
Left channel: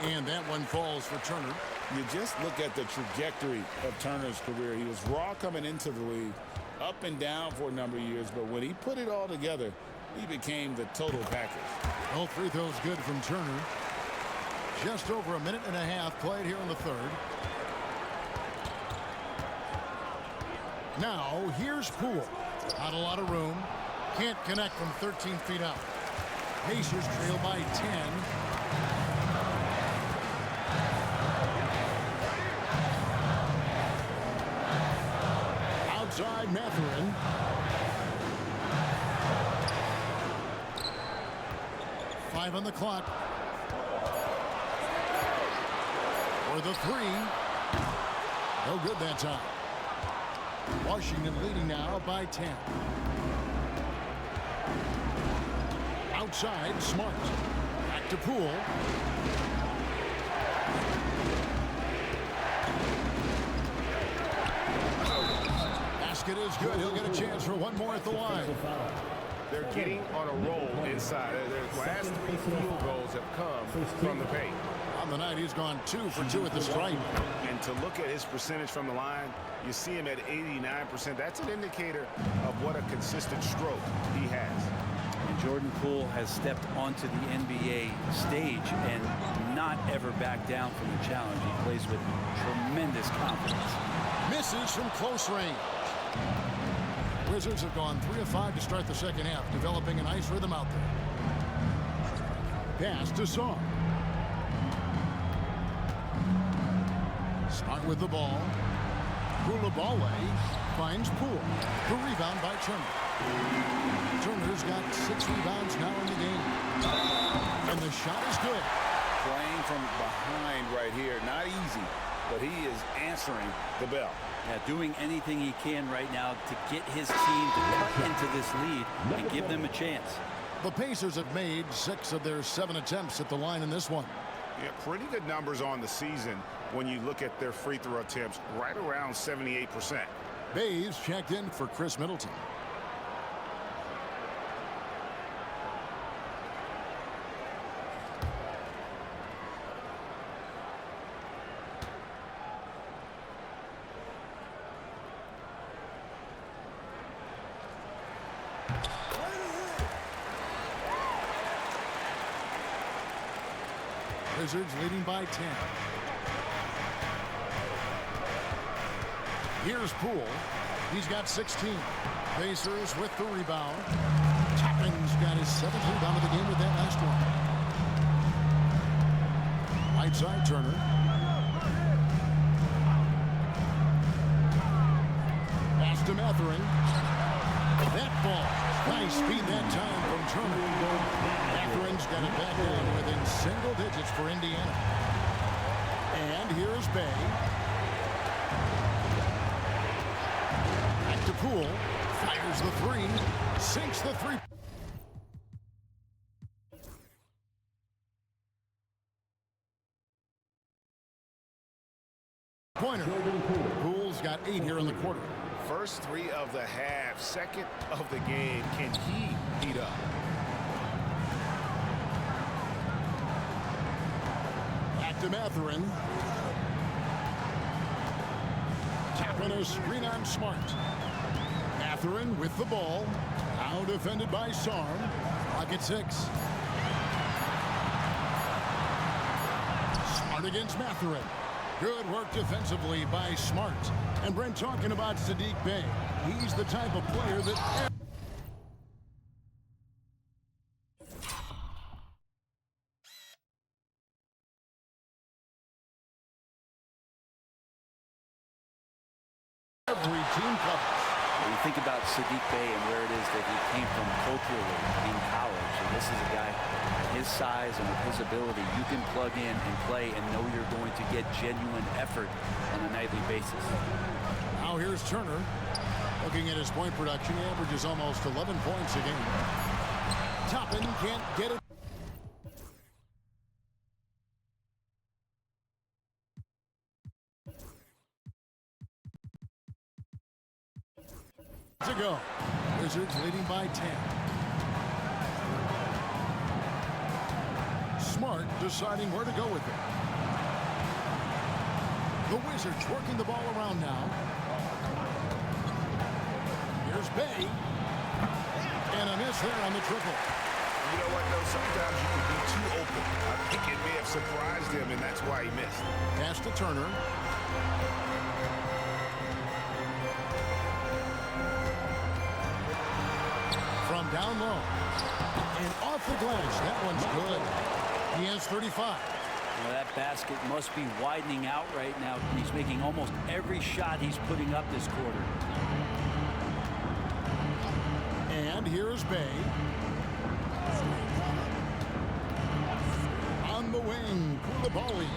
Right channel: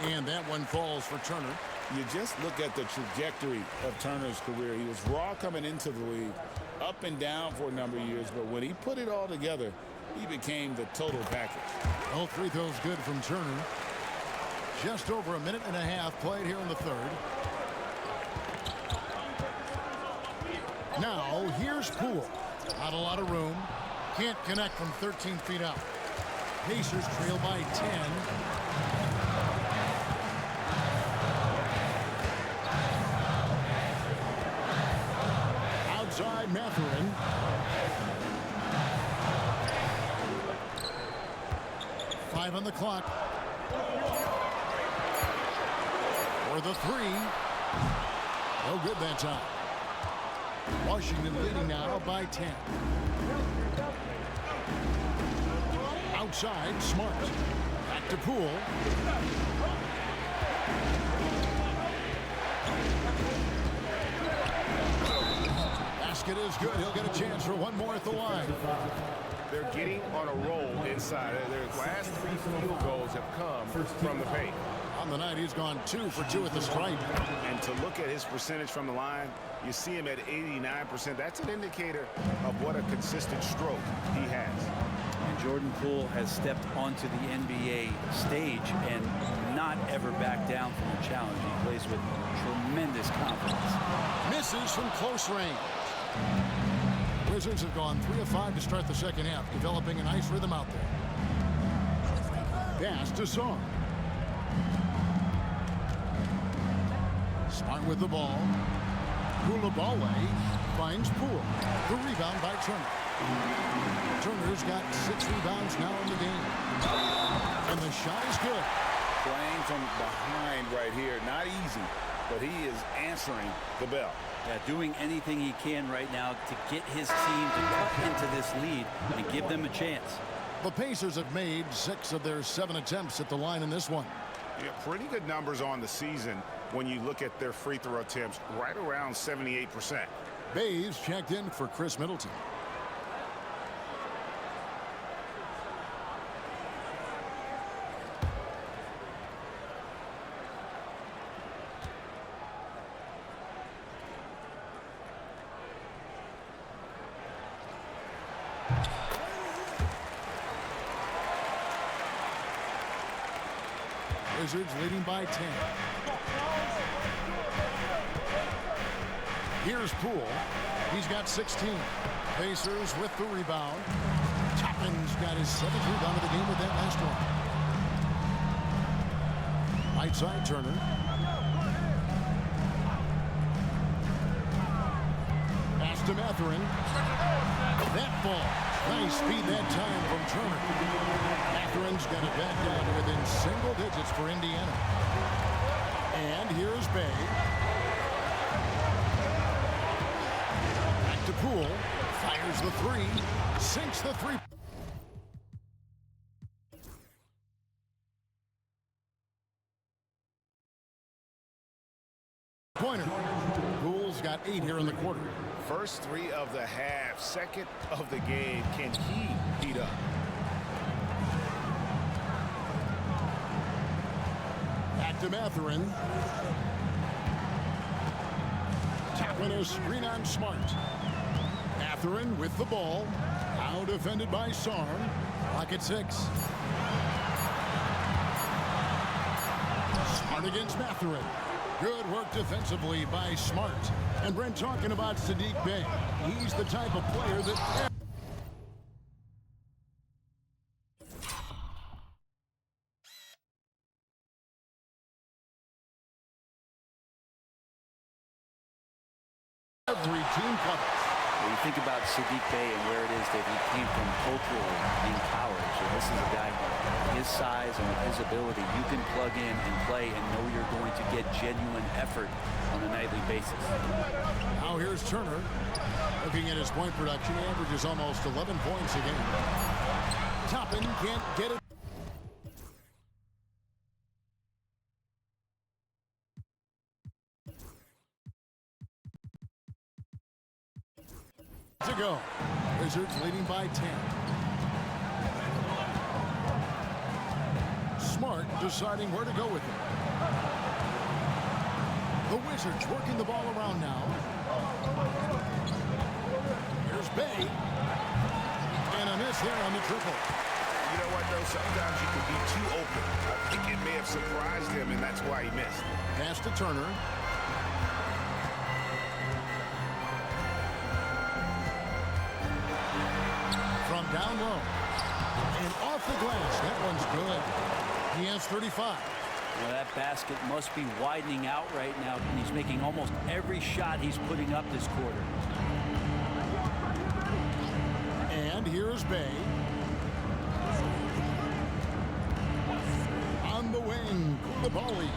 And that one falls for Turner. You just look at the trajectory of Turner's career. He was raw coming into the league, up and down for a number of years, but when he put it all together, he became the total package. All free throws good from Turner. Just over a minute and a half played here in the third. Now here's Poole. Not a lot of room. Can't connect from 13 feet out. Pacers trail by 10. Outside Mathurin. Five on the clock. For the 3. No good that time. Washington leading now by 10. Outside, Smart. Back to Poole. Basket is good. He'll get a chance for one more at the line. They're getting on a roll inside. Their last 3 field goals have come from the paint. On the night, he's gone 2 for 2 at the stripe. And to look at his percentage from the line, you see him at 89%. That's an indicator of what a consistent stroke he has. And Jordan Poole has stepped onto the NBA stage and not ever backed down from a challenge. He plays with tremendous confidence. Misses from close range. Wizards have gone 3 of 5 to start the second half, developing a nice rhythm out there. Pass to Sarr. Smart with the ball. Koulibaly. finds Poole. The rebound by Turner. Turner's got 6 rebounds now in the game. And the shot is good. Playing from behind right here. Not easy, but he is answering the bell. Yeah, doing anything he can right now to get his team to cut into this lead and give them a chance. The Pacers have made 6 of their 7 attempts at the line in this one. Yeah, pretty good numbers on the season when you look at their free throw attempts, right around 78%. Bays checked in for Chris Middleton. Wizards leading by 10. Here's Poole. He's got 16. Pacers with the rebound. Toppin's got his 7th rebound of the game with that last one. Right side, Turner. Pass to Mathurin. That ball. Nice speed that time from Turner. Mathurin's got it back down to within single digits for Indiana. And here's Bay. Back to Poole. Fires the 3. Sinks the 3. Pointer. Poole's got 8 here in the quarter. First 3 of the half, second of the game. Can he heat up? Back to Mathurin. Tapping a screen on Smart. Mathurin with the ball. Now defended by Sarm. Clock at 6. Smart against Mathurin. Good work defensively by Smart. And Brent talking about Saddiq Bey. He's the type of player that every team covers. When you think about Saddiq Bey and where it is that he came from culturally in college, and this is a guy his size and with his ability, you can plug in and play and know you're going to get genuine effort on a nightly basis. Now here's Turner. Looking at his point production, he averages almost 11 points a game. Toppin can't get it. To go. Wizards leading by 10. Smart deciding where to go with it. The Wizards working the ball around now. Here's Bey. And a miss there on the triple. You know what, though? Sometimes you can be too open. I think it may have surprised him, and that's why he missed. Pass to Turner. From down low. And off the glass. That one's good. He has 35. Now that basket must be widening out right now. He's making almost every shot he's putting up this quarter. And here's Bey. On the wing, Koulibaly.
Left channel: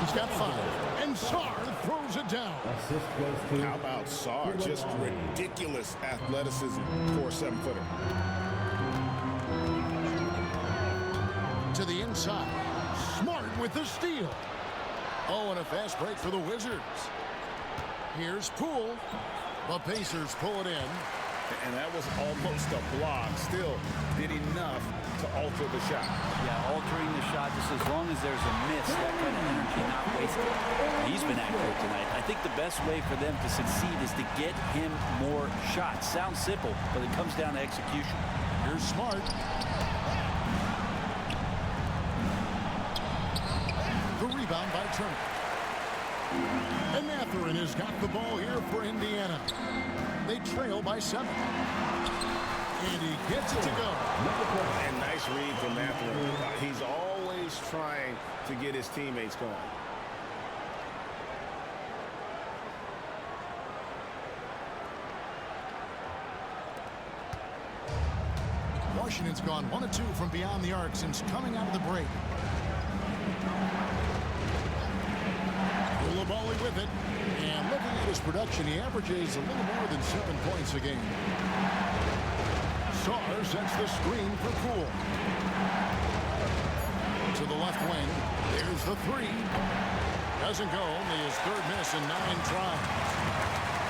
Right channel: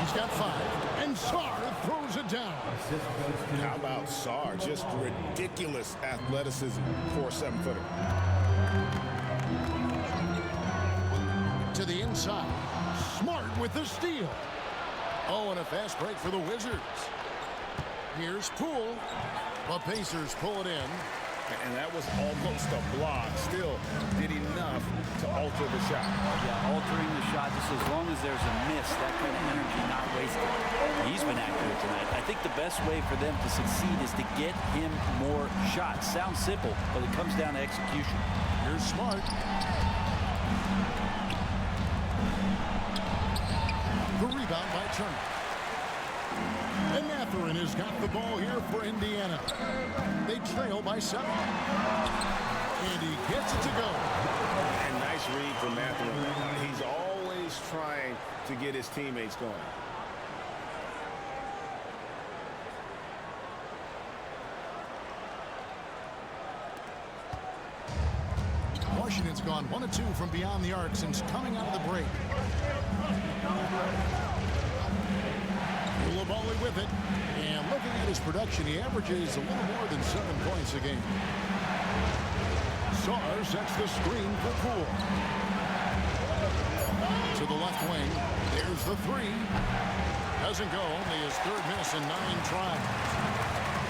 He's got 5. And Sarr throws it down. How about Sarr? Just ridiculous athleticism for a 7-footer. To the inside. Smart with the steal. Oh, and a fast break for the Wizards. Here's Poole. The Pacers pull it in. And that was almost a block. Still did enough to alter the shot. Yeah, altering the shot just as long as there's a miss, that kind of energy not wasted. He's been accurate tonight. I think the best way for them to succeed is to get him more shots. Sounds simple, but it comes down to execution. Here's Smart. The rebound by Turner. And Mathurin has got the ball here for Indiana. They trail by 7. And he gets it to go. And nice read from Mathurin. He's always trying to get his teammates going. Washington's gone 1 of 2 from beyond the arc since coming out of the break. Koulibaly with it. And looking at his production, he averages a little more than 7 points a game. Sarr sets the screen for Poole. To the left wing. There's the 3. Doesn't go. Only his 3rd miss in 9 tries.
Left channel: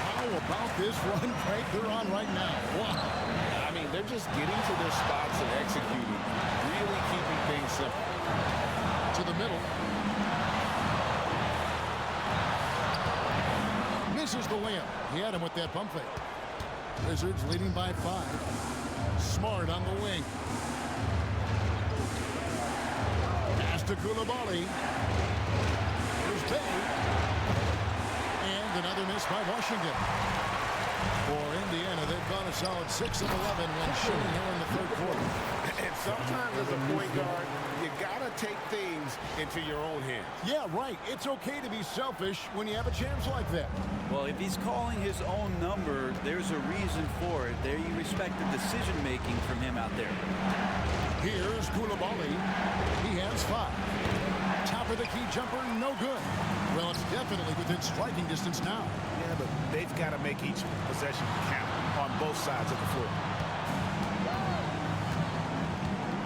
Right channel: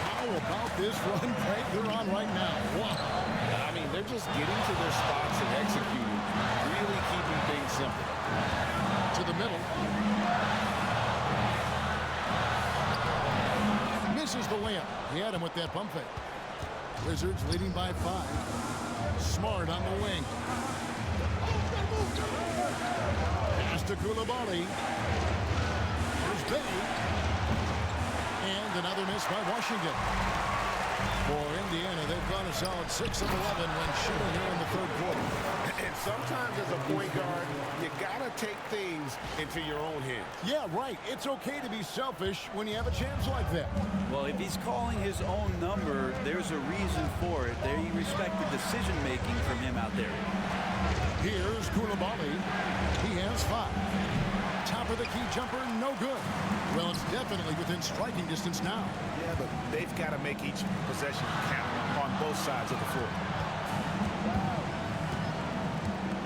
How about this run break they're on right now? Wow. I mean, they're just getting to their spots and executing, really keeping things simple. To the middle. Misses the layup. He had him with that pump fake. Wizards leading by 5. Smart on the wing. Pass to Koulibaly. Here's Bay. And another miss by Washington. For Indiana, they've gone a solid 6 of 11 when shooting here in the 3rd quarter. And sometimes as a point guard, you got to take things into your own hands. Yeah, right. It's okay to be selfish when you have a chance like that. Well, if he's calling his own number, there's a reason for it. There you respect the decision-making from him out there. Here's Koulibaly. He has 5. Top of the key jumper, no good. Well, it's definitely within striking distance now. Yeah, but they've got to make each possession count on both sides of the floor.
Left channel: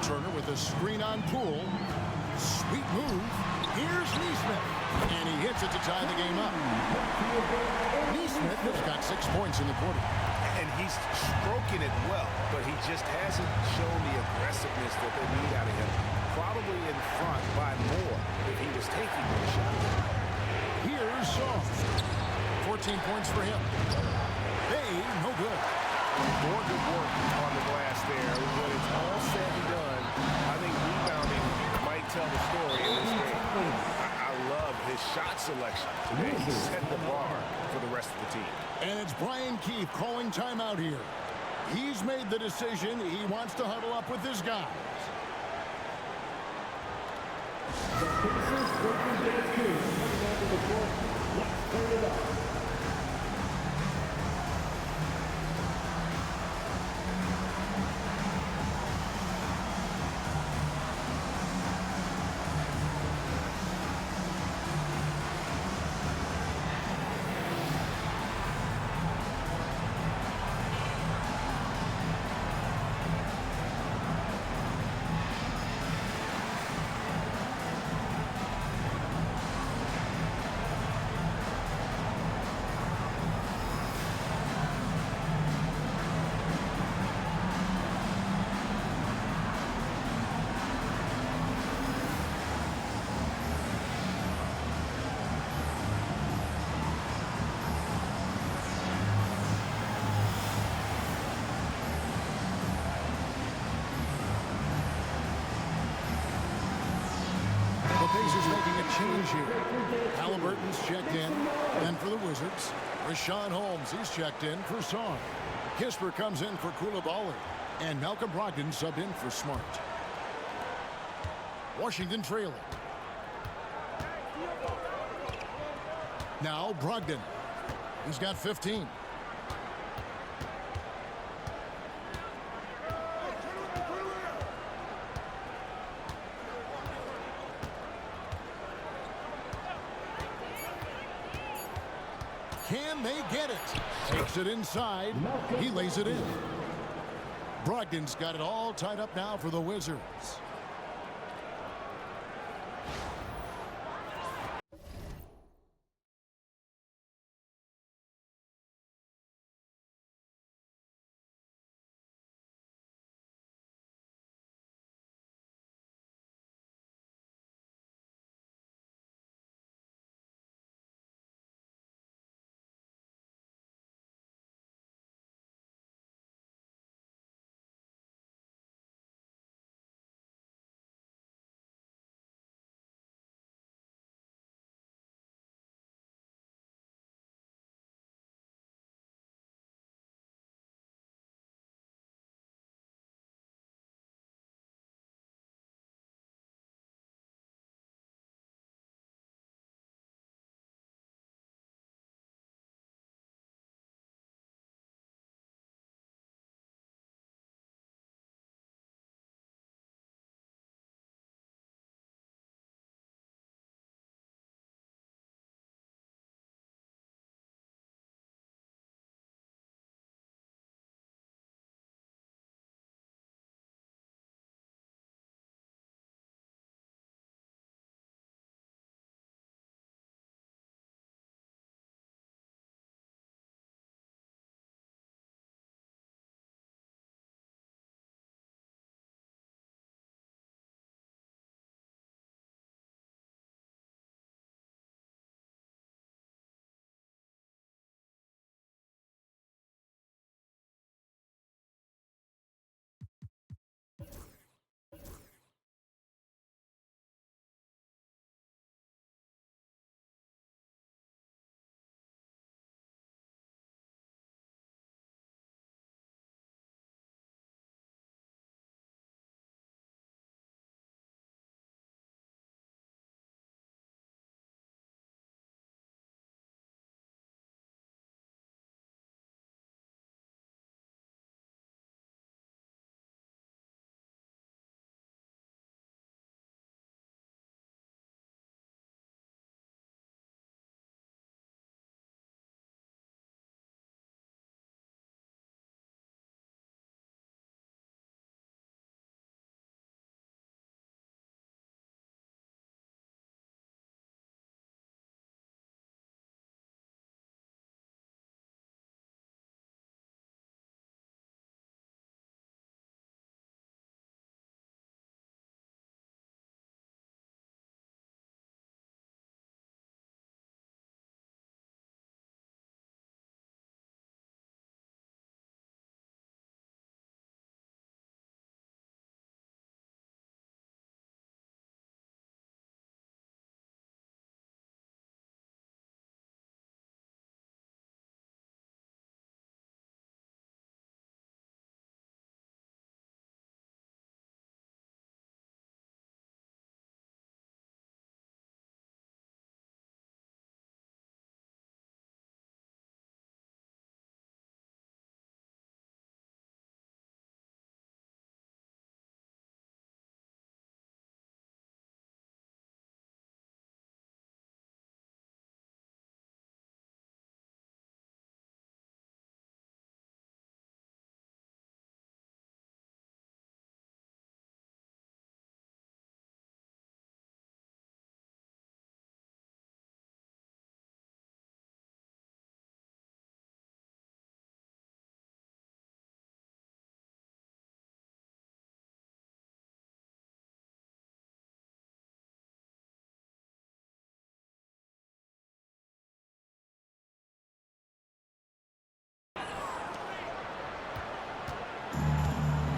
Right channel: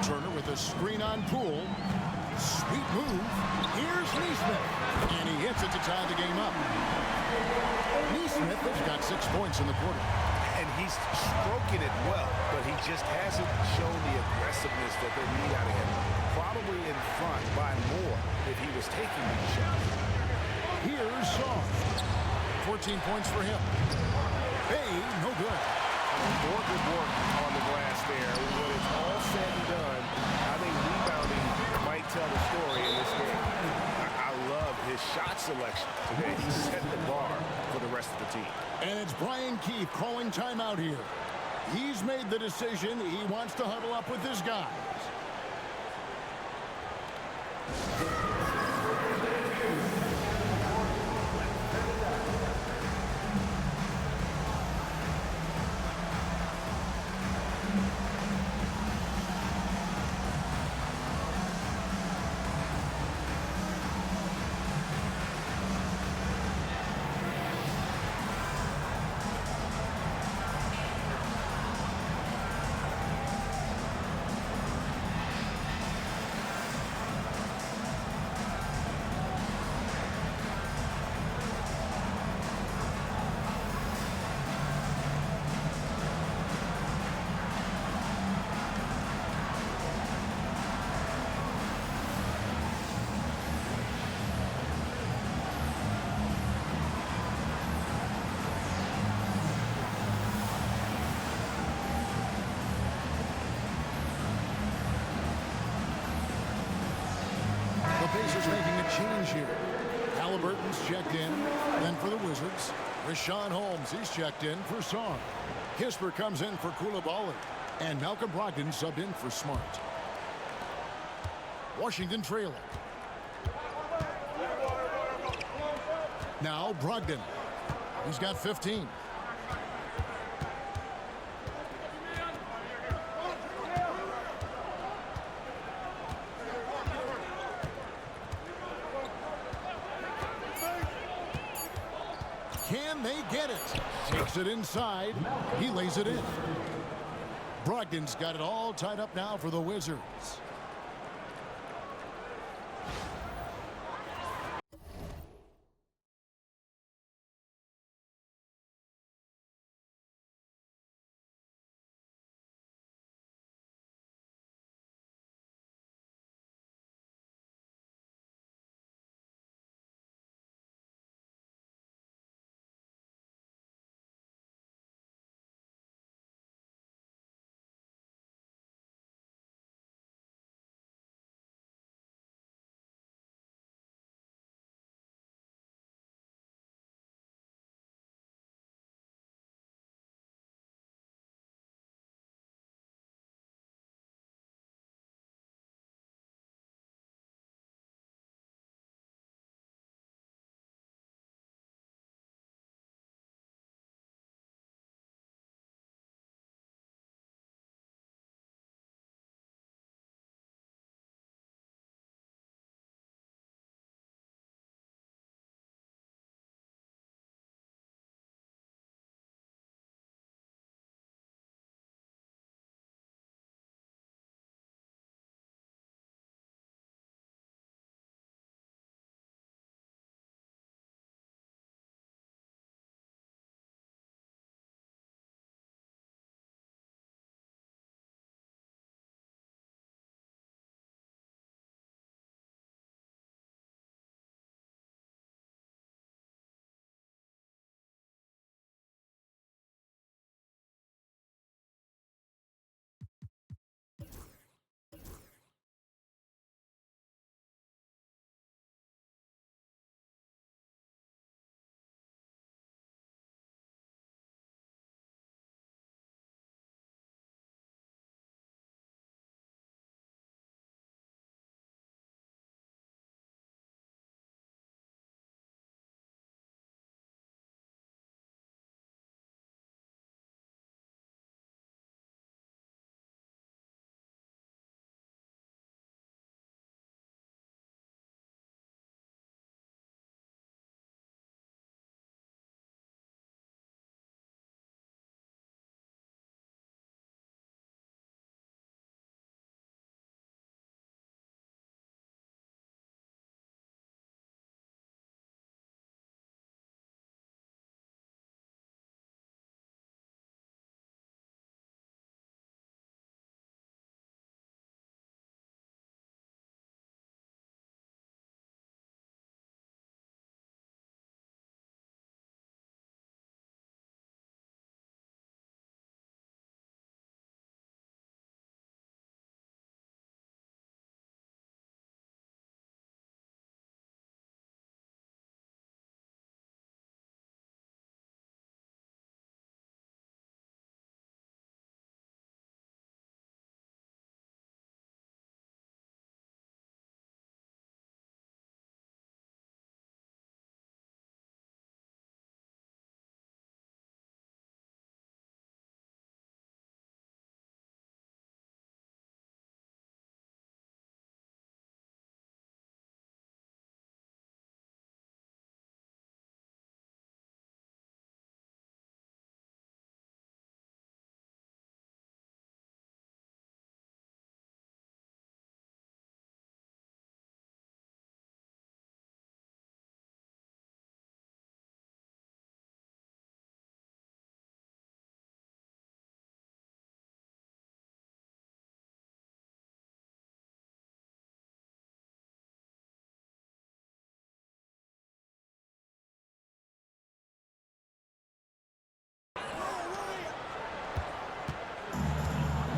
Turner with a screen on Poole. Sweet move. Here's Neesmith. And he hits it to tie the game up. Neesmith has got 6 points in the quarter. And he's stroking it well, but he just hasn't shown the aggressiveness that they need out of him. Probably in front by more if he was taking those shots. Here's Shaw. 14 points for him. Bay, no good. More good work on the glass there. When it's all said and done, I think rebounding might tell the story in this game. I love his shot selection today. He set the bar for the rest of the team. And it's Brian Keefe calling timeout here. He's made the decision. He wants to huddle up with his guys. The Pacers making a change here. Halliburton's checked in. Then for the Wizards, Rashawn Holmes, he's checked in for Sarr. Kisper comes in for Koulibaly. And Malcolm Brogdon subbed in for Smart. Washington trailing. Now Brogdon. He's got 15. Can they get it? Takes it inside. He lays it in. Brogdon's got it all tied up now for the Wizards.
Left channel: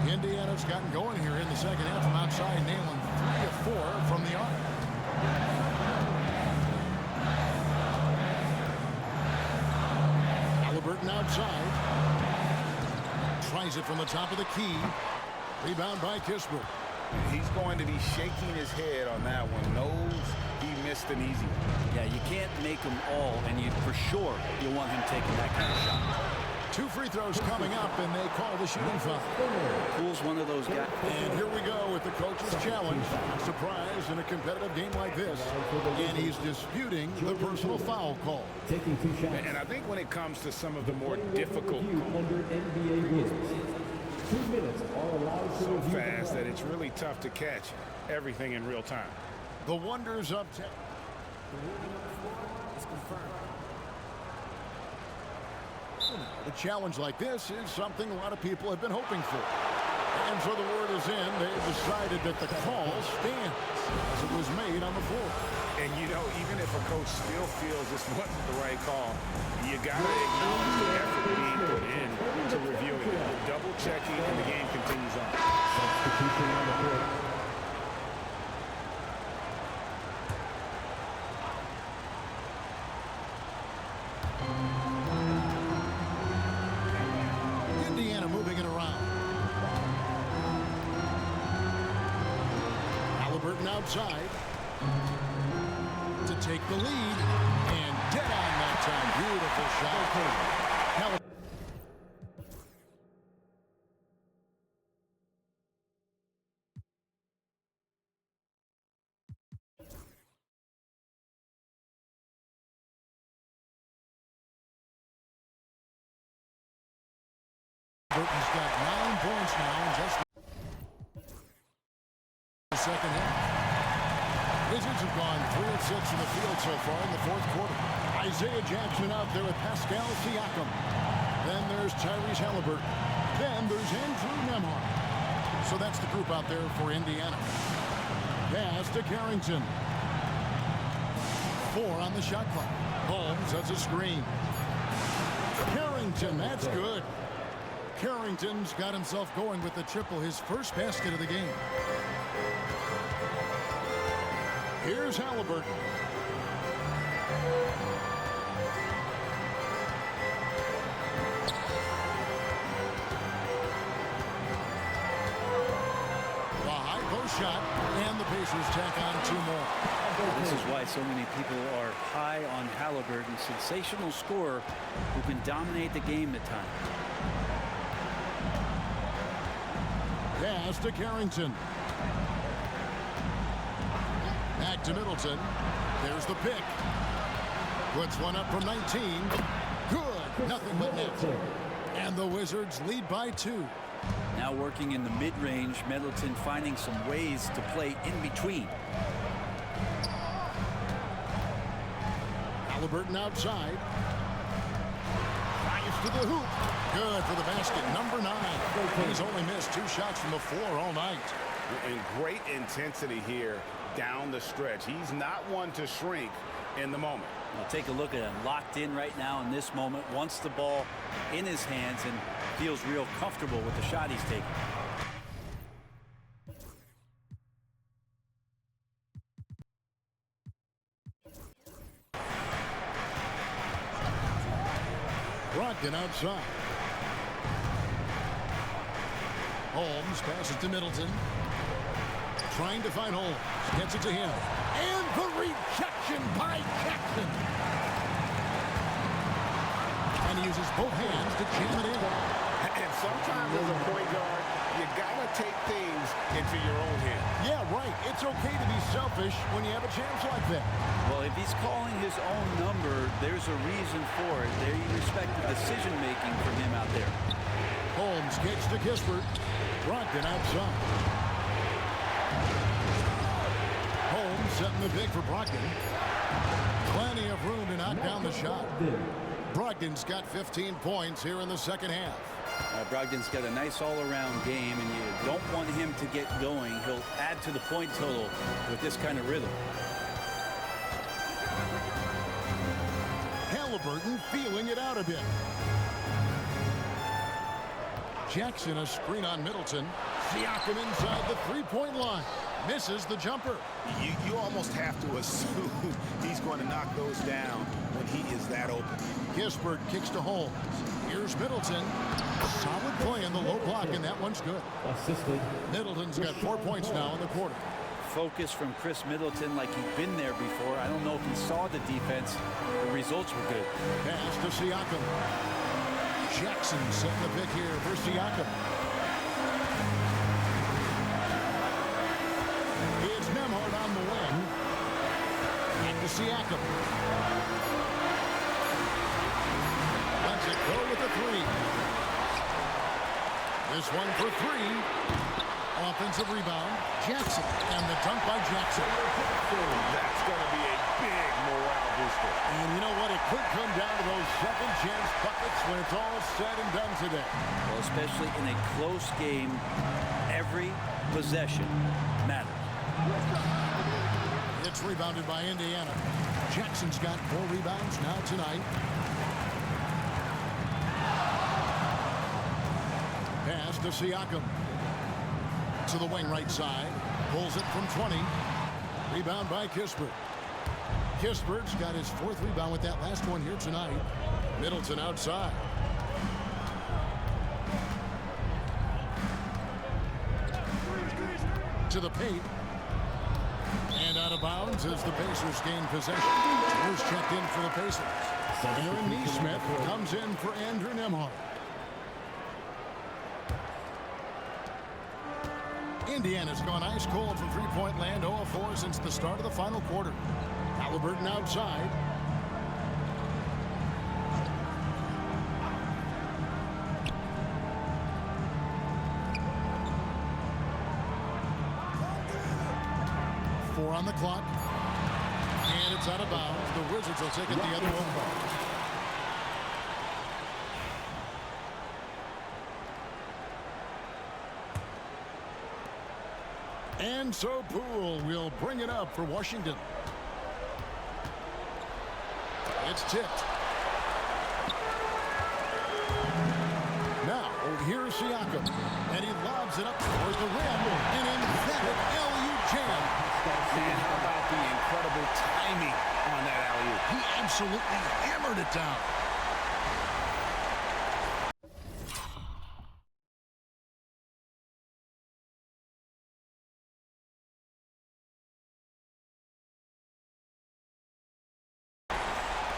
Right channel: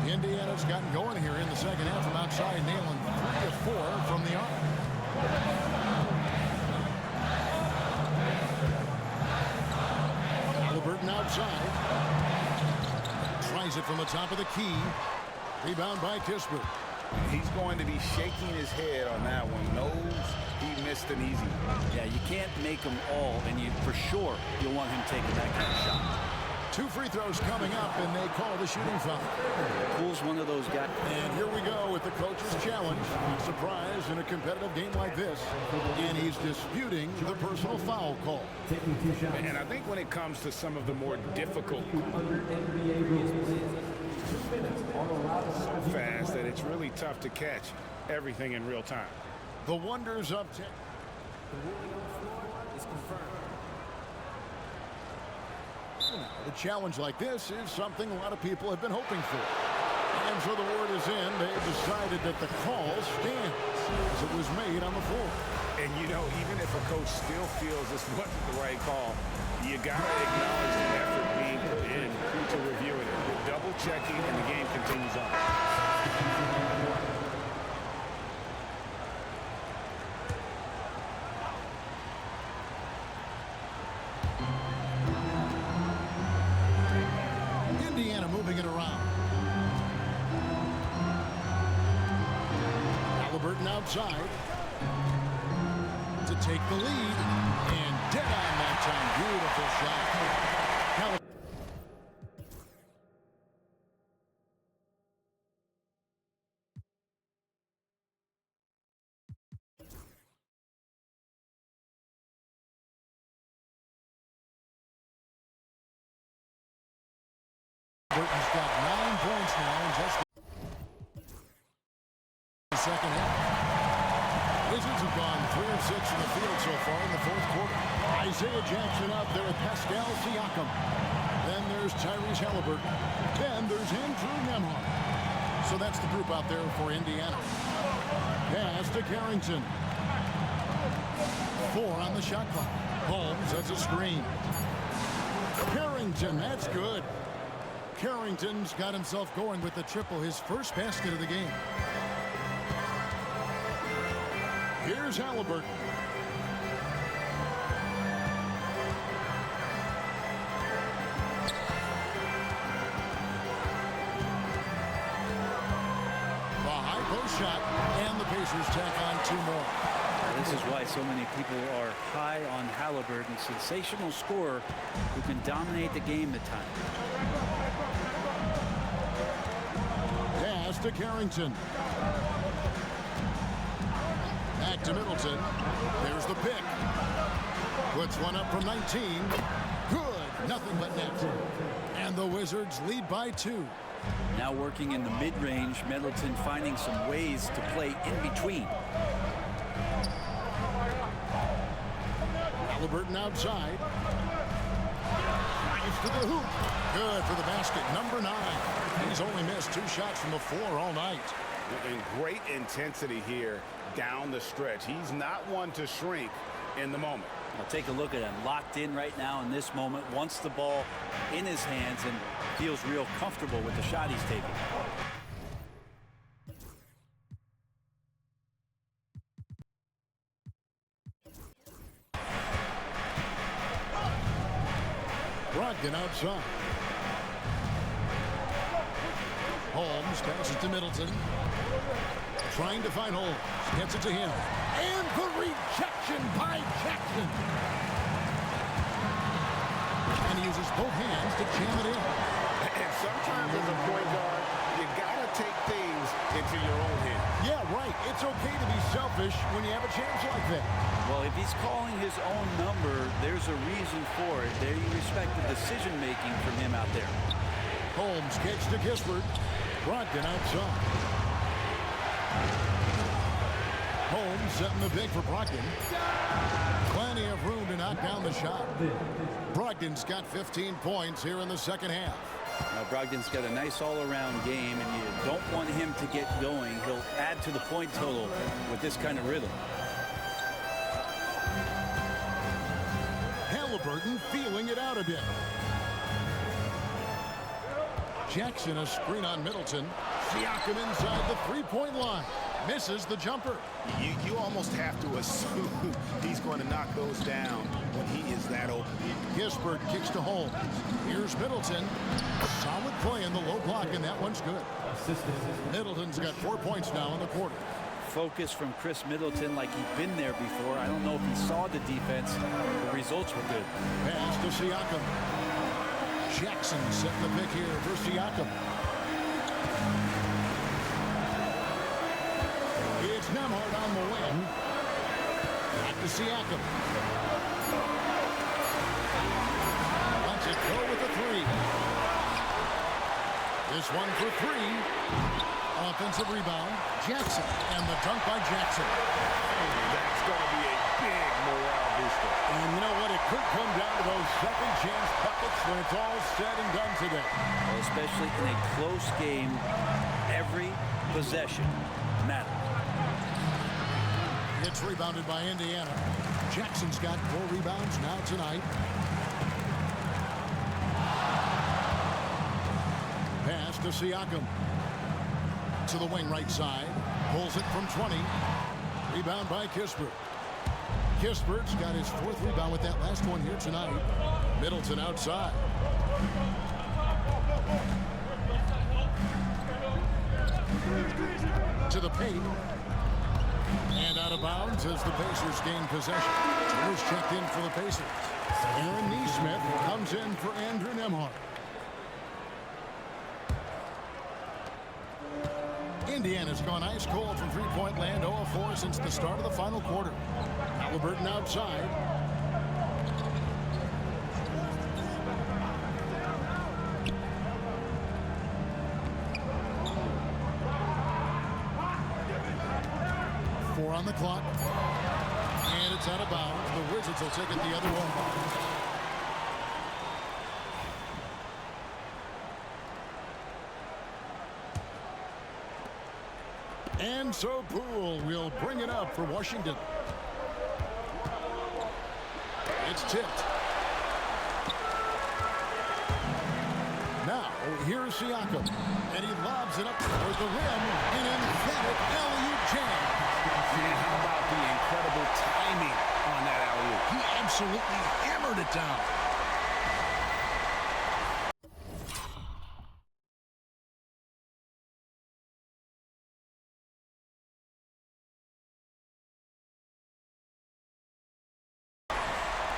Indiana's gotten going here in the second half from outside, nailing 3 of 4 from the arc. Halliburton outside. Tries it from the top of the key. Rebound by Kispert. He's going to be shaking his head on that one. Knows he missed an easy one. Yeah, you can't make them all, and for sure you'll want him taking that kind of shot. 2 free throws coming up, and they call the shooting foul. Pool's one of those guys. And here we go with the coach's challenge. Not surprised in a competitive game like this. And he's disputing the personal foul call. And I think when it comes to some of the more difficult so fast that it's really tough to catch everything in real time. The wonders of tech. The ruling on the floor is confirmed. Now, a challenge like this is something a lot of people have been hoping for. And so the word is in. They've decided that the call stands as it was made on the floor. And, you know, even if a coach still feels this wasn't the right call, you got to acknowledge the effort being put in to reviewing it. The double checking, and the game continues on. Indiana moving it around. Halliburton outside to take the lead, and dead on that time. Beautiful shot. Halliburton. Burton's got 9 points now in just the second half. Wizards have gone 3 of 6 in the field so far in the fourth quarter. Isaiah Jackson out there with Pascal Siakam. Then there's Tyrese Halliburton. Then there's Andrew Nembhard. So that's the group out there for Indiana. Pass to Carrington. 4 on the shot clock. Holmes, that's a screen. Carrington, that's good. Carrington's got himself going with the triple, his first basket of the game. Here's Halliburton. The high post shot, and the Pacers tack on 2 more. This is why so many people are high on Halliburton. Sensational scorer who can dominate the game at times. Pass to Carrington. Back to Middleton. There's the pick. Puts one up from 19. Good. Nothing but net. And the Wizards lead by 2. Now working in the mid-range, Middleton finding some ways to play in between. Halliburton outside. Drives to the hoop. Good for the basket. Number 9. He's only missed 2 shots from the floor all night. And great intensity here down the stretch. He's not one to shrink in the moment. Well, take a look at him. Locked in right now in this moment. Wants the ball in his hands and feels real comfortable with the shot he's taking. Brogdon outside. Holmes passes to Middleton. Trying to find Holmes. Gets it to him. And the rejection by Jackson. And he uses both hands to jam it in. And sometimes as a point guard, you gotta take things into your own hands. Yeah, right. It's okay to be selfish when you have a chance like that. Well, if he's calling his own number, there's a reason for it. They respect the decision-making from him out there. Holmes kicks to Kispert. Brogdon outside. Holmes setting the big for Brogdon. Plenty of room to knock down the shot. Brogdon's got 15 points here in the second half. Brogdon's got a nice all-around game, and you don't want him to get going. He'll add to the point total with this kind of rhythm. Halliburton feeling it out a bit. Jackson, a screen on Middleton. Siakam inside the three-point line. Misses the jumper. You almost have to assume he's going to knock those down when he is that open. Kispert kicks to Holmes. Here's Middleton. Solid play in the low block, and that one's good. Middleton's got 4 points now in the quarter. Focus from Chris Middleton like he'd been there before. I don't know if he saw the defense. The results were good. Pass to Siakam. Jackson setting the pick here for Siakam. It's Nembhard on the wing. Back to Siakam. Lets it go with a three. This one for three. Offensive rebound. Jackson. And the dunk by Jackson. That's going to be a big morale booster. And you know what? It could come down to those second chance buckets when it's all said and done today. Well, especially in a close game, every possession matters. It's rebounded by Indiana. Jackson's got 4 rebounds now tonight. Pass to Siakam. To the wing right side. Pulls it from 20. Rebound by Kispert. Kispert's got his 4th rebound with that last one here tonight. Middleton outside. To the paint. And out of bounds as the Pacers gain possession. Turner's checked in for the Pacers. Aaron Nesmith comes in for Andrew Nembhard. Indiana's gone ice cold from three-point land, 0 of 4 since the start of the final quarter. Halliburton outside. Four on the clock. And it's out of bounds. The Wizards will take it the other way. And so Poole will bring it up for Washington. It's tipped. Now, here's Siakam. And he lobs it up toward the rim. An emphatic alley-oop jam. Man, how about the incredible timing on that alley-oop? He absolutely hammered it down.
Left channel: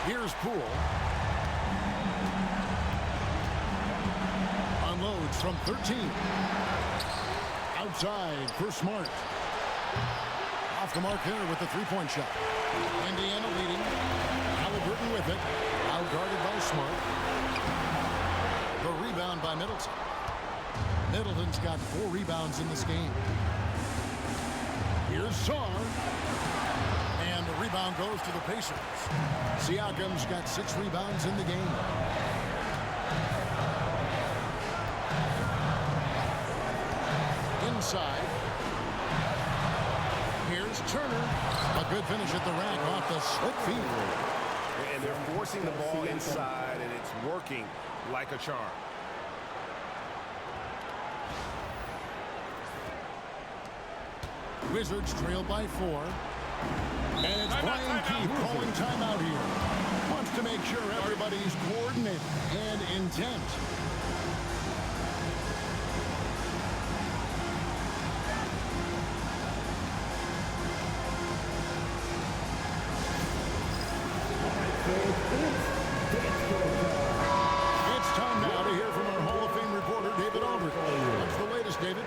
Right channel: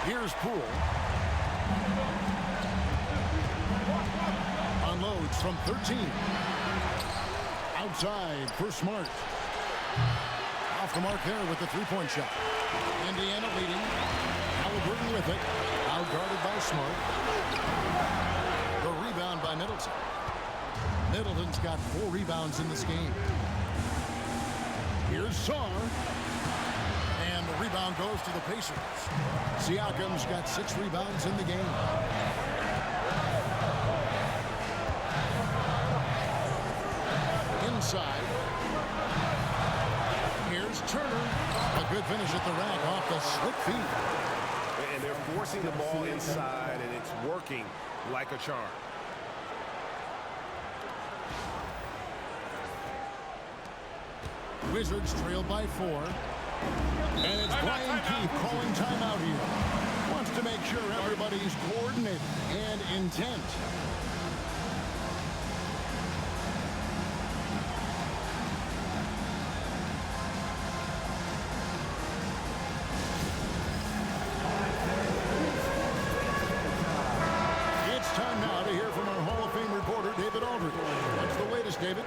Here's Poole. Unloads from 13. Outside for Smart. Off the mark there with the three-point shot. Indiana leading. Halliburton with it. Out guarded by Smart. The rebound by Middleton. Middleton's got 4 rebounds in this game. Here's Sarr. And the rebound goes to the Pacers. Siakam's got 6 rebounds in the game. Inside. Here's Turner. A good finish at the rack off the slick feet. And they're forcing the ball inside, and it's working like a charm. Wizards trail by 4. And it's Brian Keefe calling timeout here. Wants to make sure everybody's coordinated and intent. It's time now to hear from our Hall of Fame reporter, David Aldridge. What's the latest, David?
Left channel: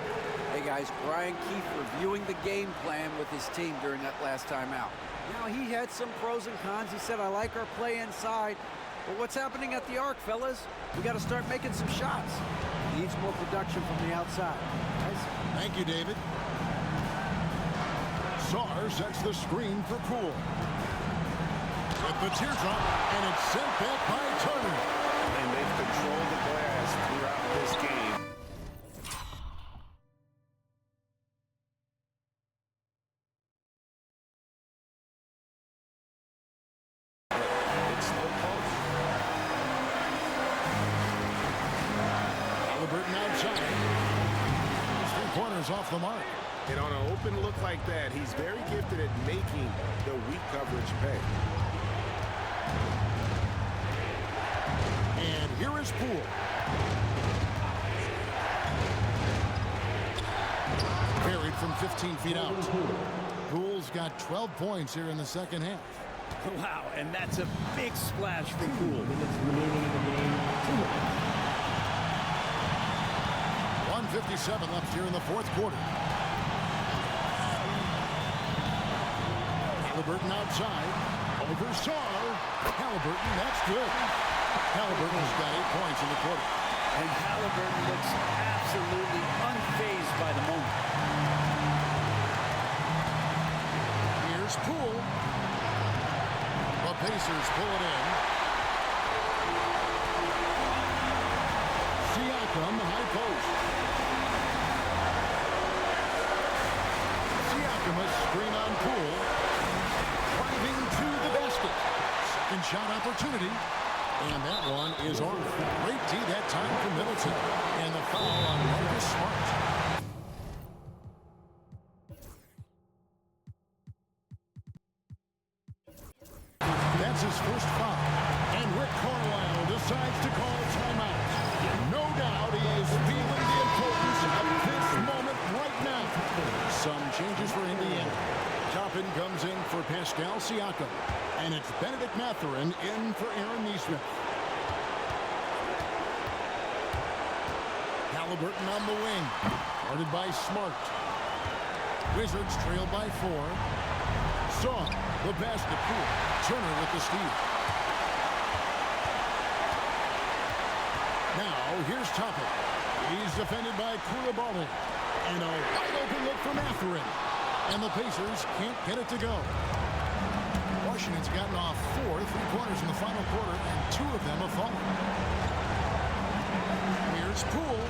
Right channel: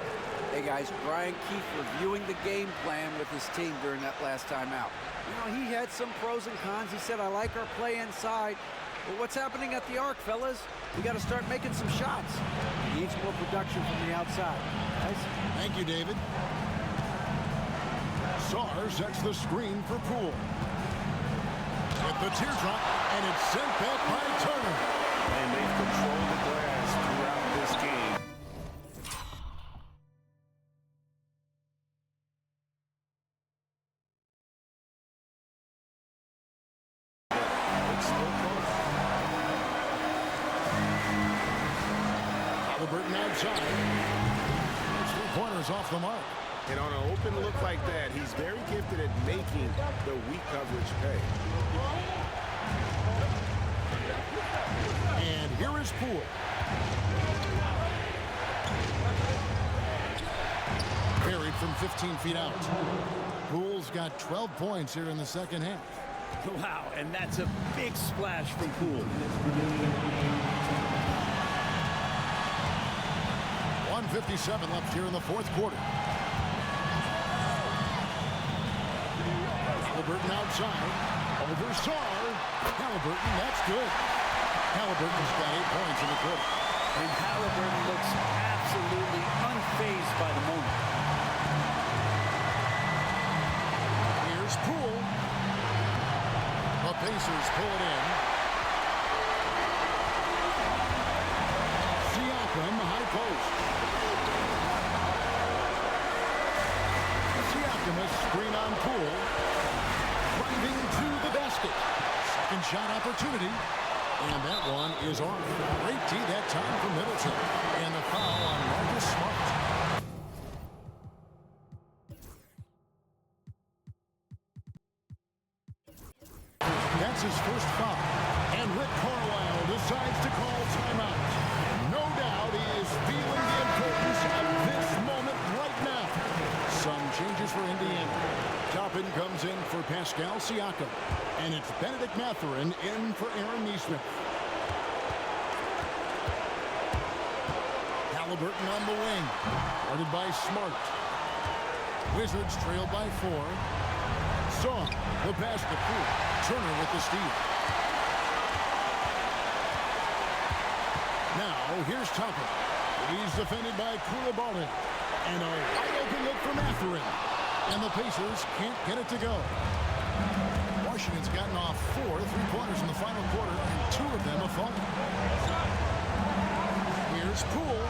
Hey guys, Brian Keefe reviewing the game plan with his team during that last time out. You know, he had some pros and cons. He said, I like our play inside. But what's happening at the arc, fellas? We got to start making some shots. He needs more production from the outside. Guys? Thank you, David. Sarr sets the screen for Poole. With the teardrop, and it's sent back by Turner. And they've controlled the glass throughout this game. Halliburton outside. His three-pointers off the mark. And on an open look like that, he's very gifted at making the weak coverage pay. And here is Poole. Buried from 15 feet out. Poole's got 12 points here in the second half. Wow, and that's a big splash from Poole. 1:57 left here in the fourth quarter. Halliburton outside. Over Sarr. Halliburton, that's good. Halliburton's got 8 points in the quarter. And Halliburton looks absolutely unfazed by the moment. Here's Poole. The Pacers pull it in. Siakam, high post. Siakam, a screen on Poole. Driving to the basket. Second shot opportunity. And that one is off. Great D that time from Middleton. And the foul on Marcus Smart. That's his first foul. And Rick Carlisle decides to call timeout. No doubt he is feeling the importance of this moment right now. Some changes for Indiana. Toppin comes in for Pascal Siakam. And it's Benedict Mathurin in for Aaron Nesmith. Halliburton on the wing. Guarded by Smart. Wizards trailed by 4. Saw the basket. Poole. Turner with the steal. Now, here's Toppin. He's defended by Koulibaly. And a wide open look for Mathurin. And the Pacers can't get it to go. Washington's gotten off 4 3-pointers in the final quarter, and 2 of them have fallen. Here's Poole.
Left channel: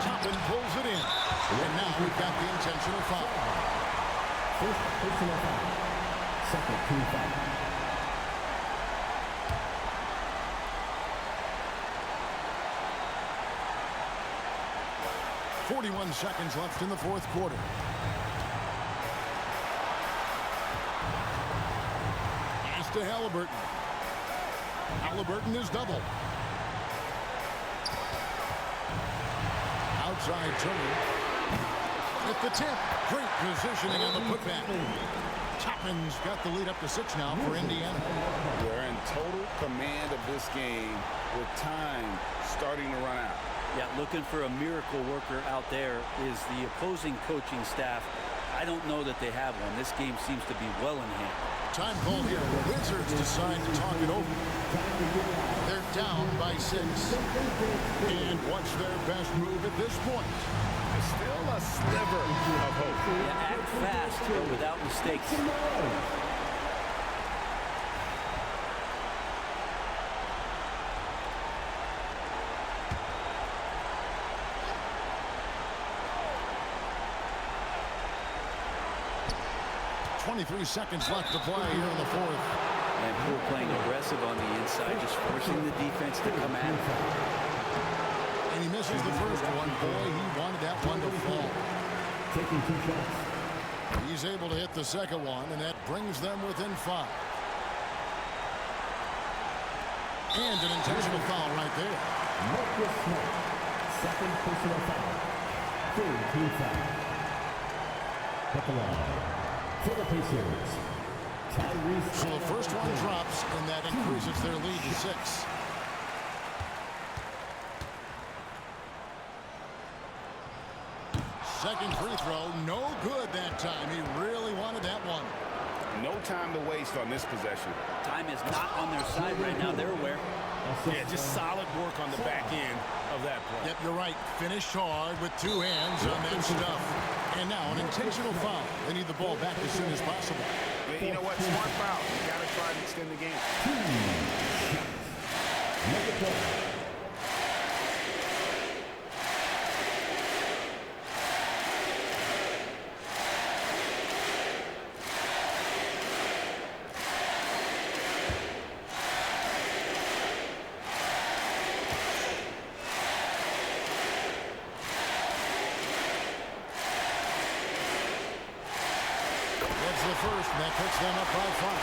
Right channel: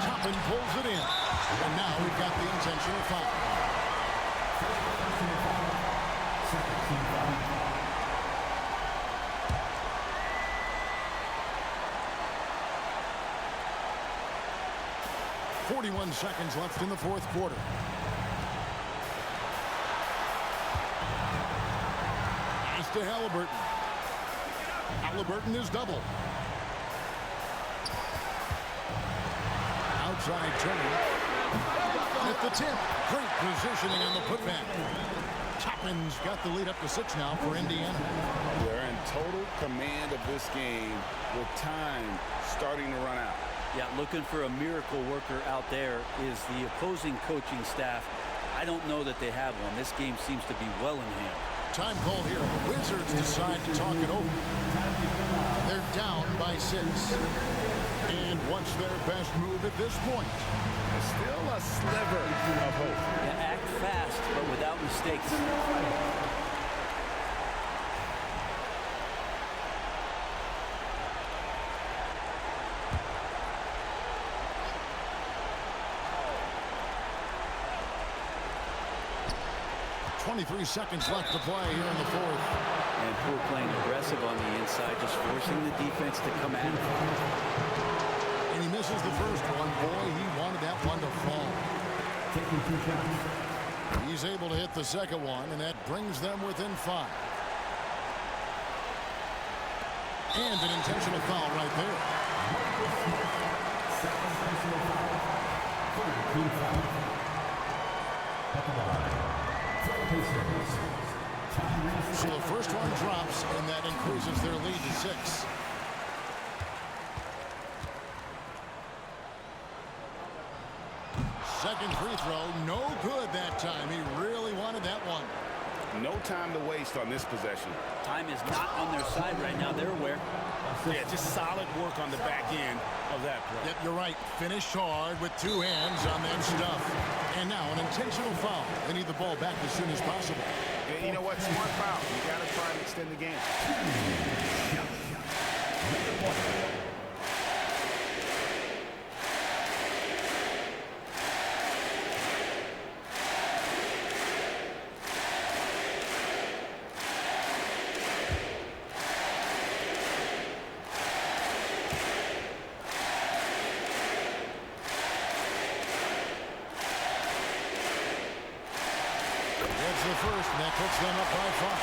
Toppin pulls it in. And now we've got the intentional foul. First personal foul. Second team foul. 41 seconds left in the fourth quarter. Pass to Halliburton. Halliburton is double. Outside Turner. At the tip. Great positioning on the putback. Toppin's got the lead up to 6 now for Indiana. They're in total command of this game with time starting to run out. Yeah, looking for a miracle worker out there is the opposing coaching staff. I don't know that they have one. This game seems to be well in hand. Time called here. The Wizards decide to talk it over. They're down by 6. And what's their best move at this point? There's still a sliver of hope. Yeah, act fast, but without mistakes. .23 seconds left to play here in the fourth. And Poole playing aggressive on the inside, just forcing the defense to come at him. And he misses the first one. Boy, he wanted that one to fall. Taking 2 shots. He's able to hit the second one, and that brings them within 5. And an intentional foul right there. Marcus Smart. Second personal foul. Third team foul. At the line. For the Pacers. So the first one drops, and that increases their lead to 6. Second free throw, no good that time. He really wanted that one. No time to waste on this possession. Time is not on their side right now. They're aware. Yeah, just solid work on the back end of that play. Yep, you're right. Finished hard with 2 hands on that stuff. And now an intentional foul. They need the ball back as soon as possible. Yeah, you know what? Smart foul. You got to try and extend the game. gets the first, and that puts them up by 5.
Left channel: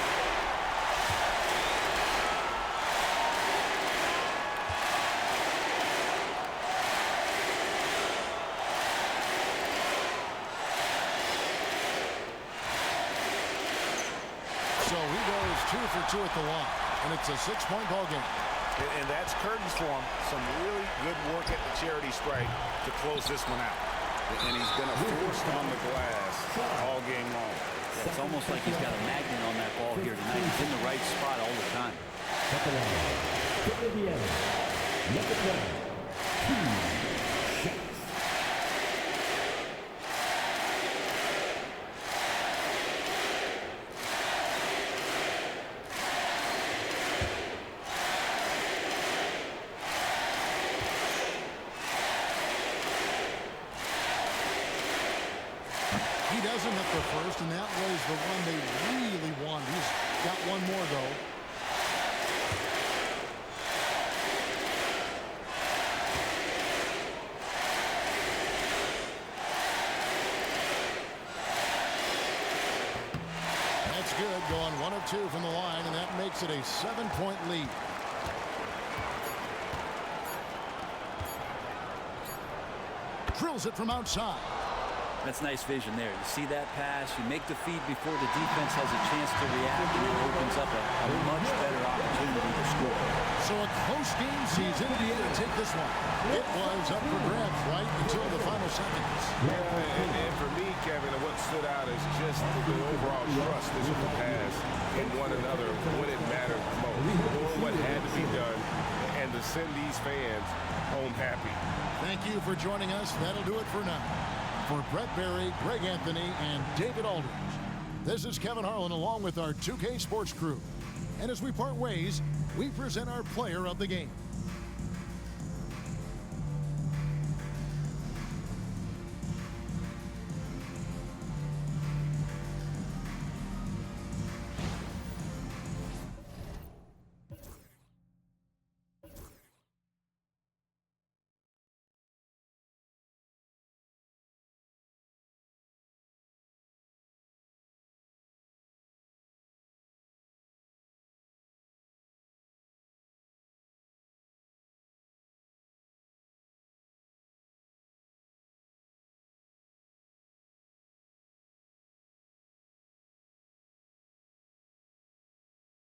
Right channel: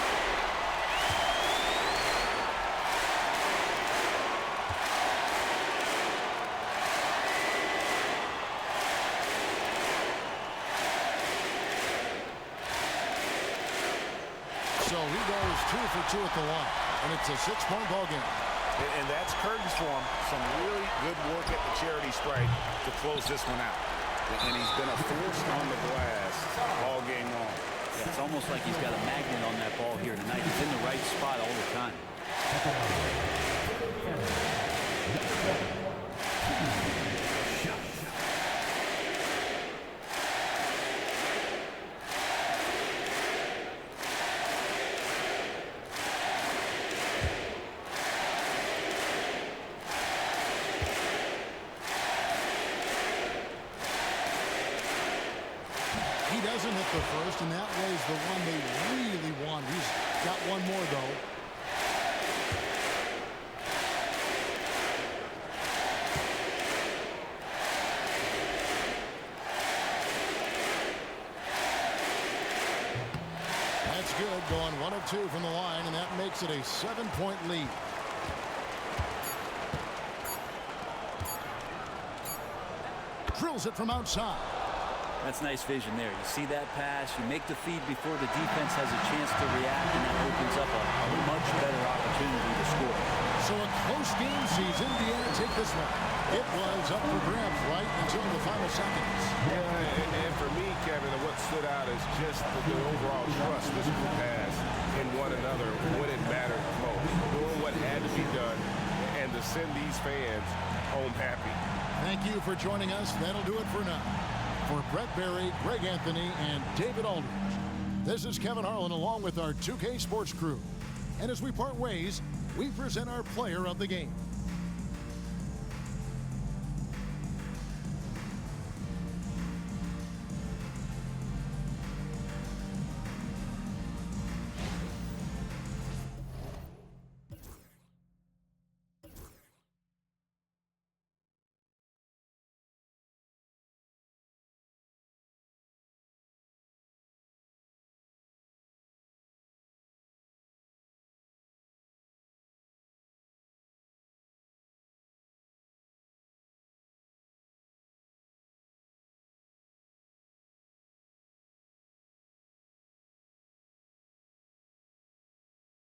So he goes 2 for 2 at the line, and it's a 6-point ball game. And that's curtains for him. Some really good work at the charity stripe to close this one out. And he's been a force on the glass all game long. Yeah, it's almost like he's got a magnet on that ball here tonight. He's in the right spot all the time. He doesn't hit the first, and that was the one they really wanted. He's got one more, though. That's good, going 1 of 2 from the line, and that makes it a 7-point lead. Drills it from outside. That's nice vision there. You see that pass, you make the feed before the defense has a chance to react, and that opens up a much better opportunity to score. So a close game sees Indiana take this one. It was up for grabs right until the final seconds. Yeah, and for me, Kevin, what stood out is just the overall trust this group has in one another when it mattered most. Doing what had to be done and to send these fans home happy. Thank you for joining us. That'll do it for now. For Brett Berry, Greg Anthony, and David Aldridge, this is Kevin Harlan along with our 2K Sports crew. And as we part ways, we present our player of the game.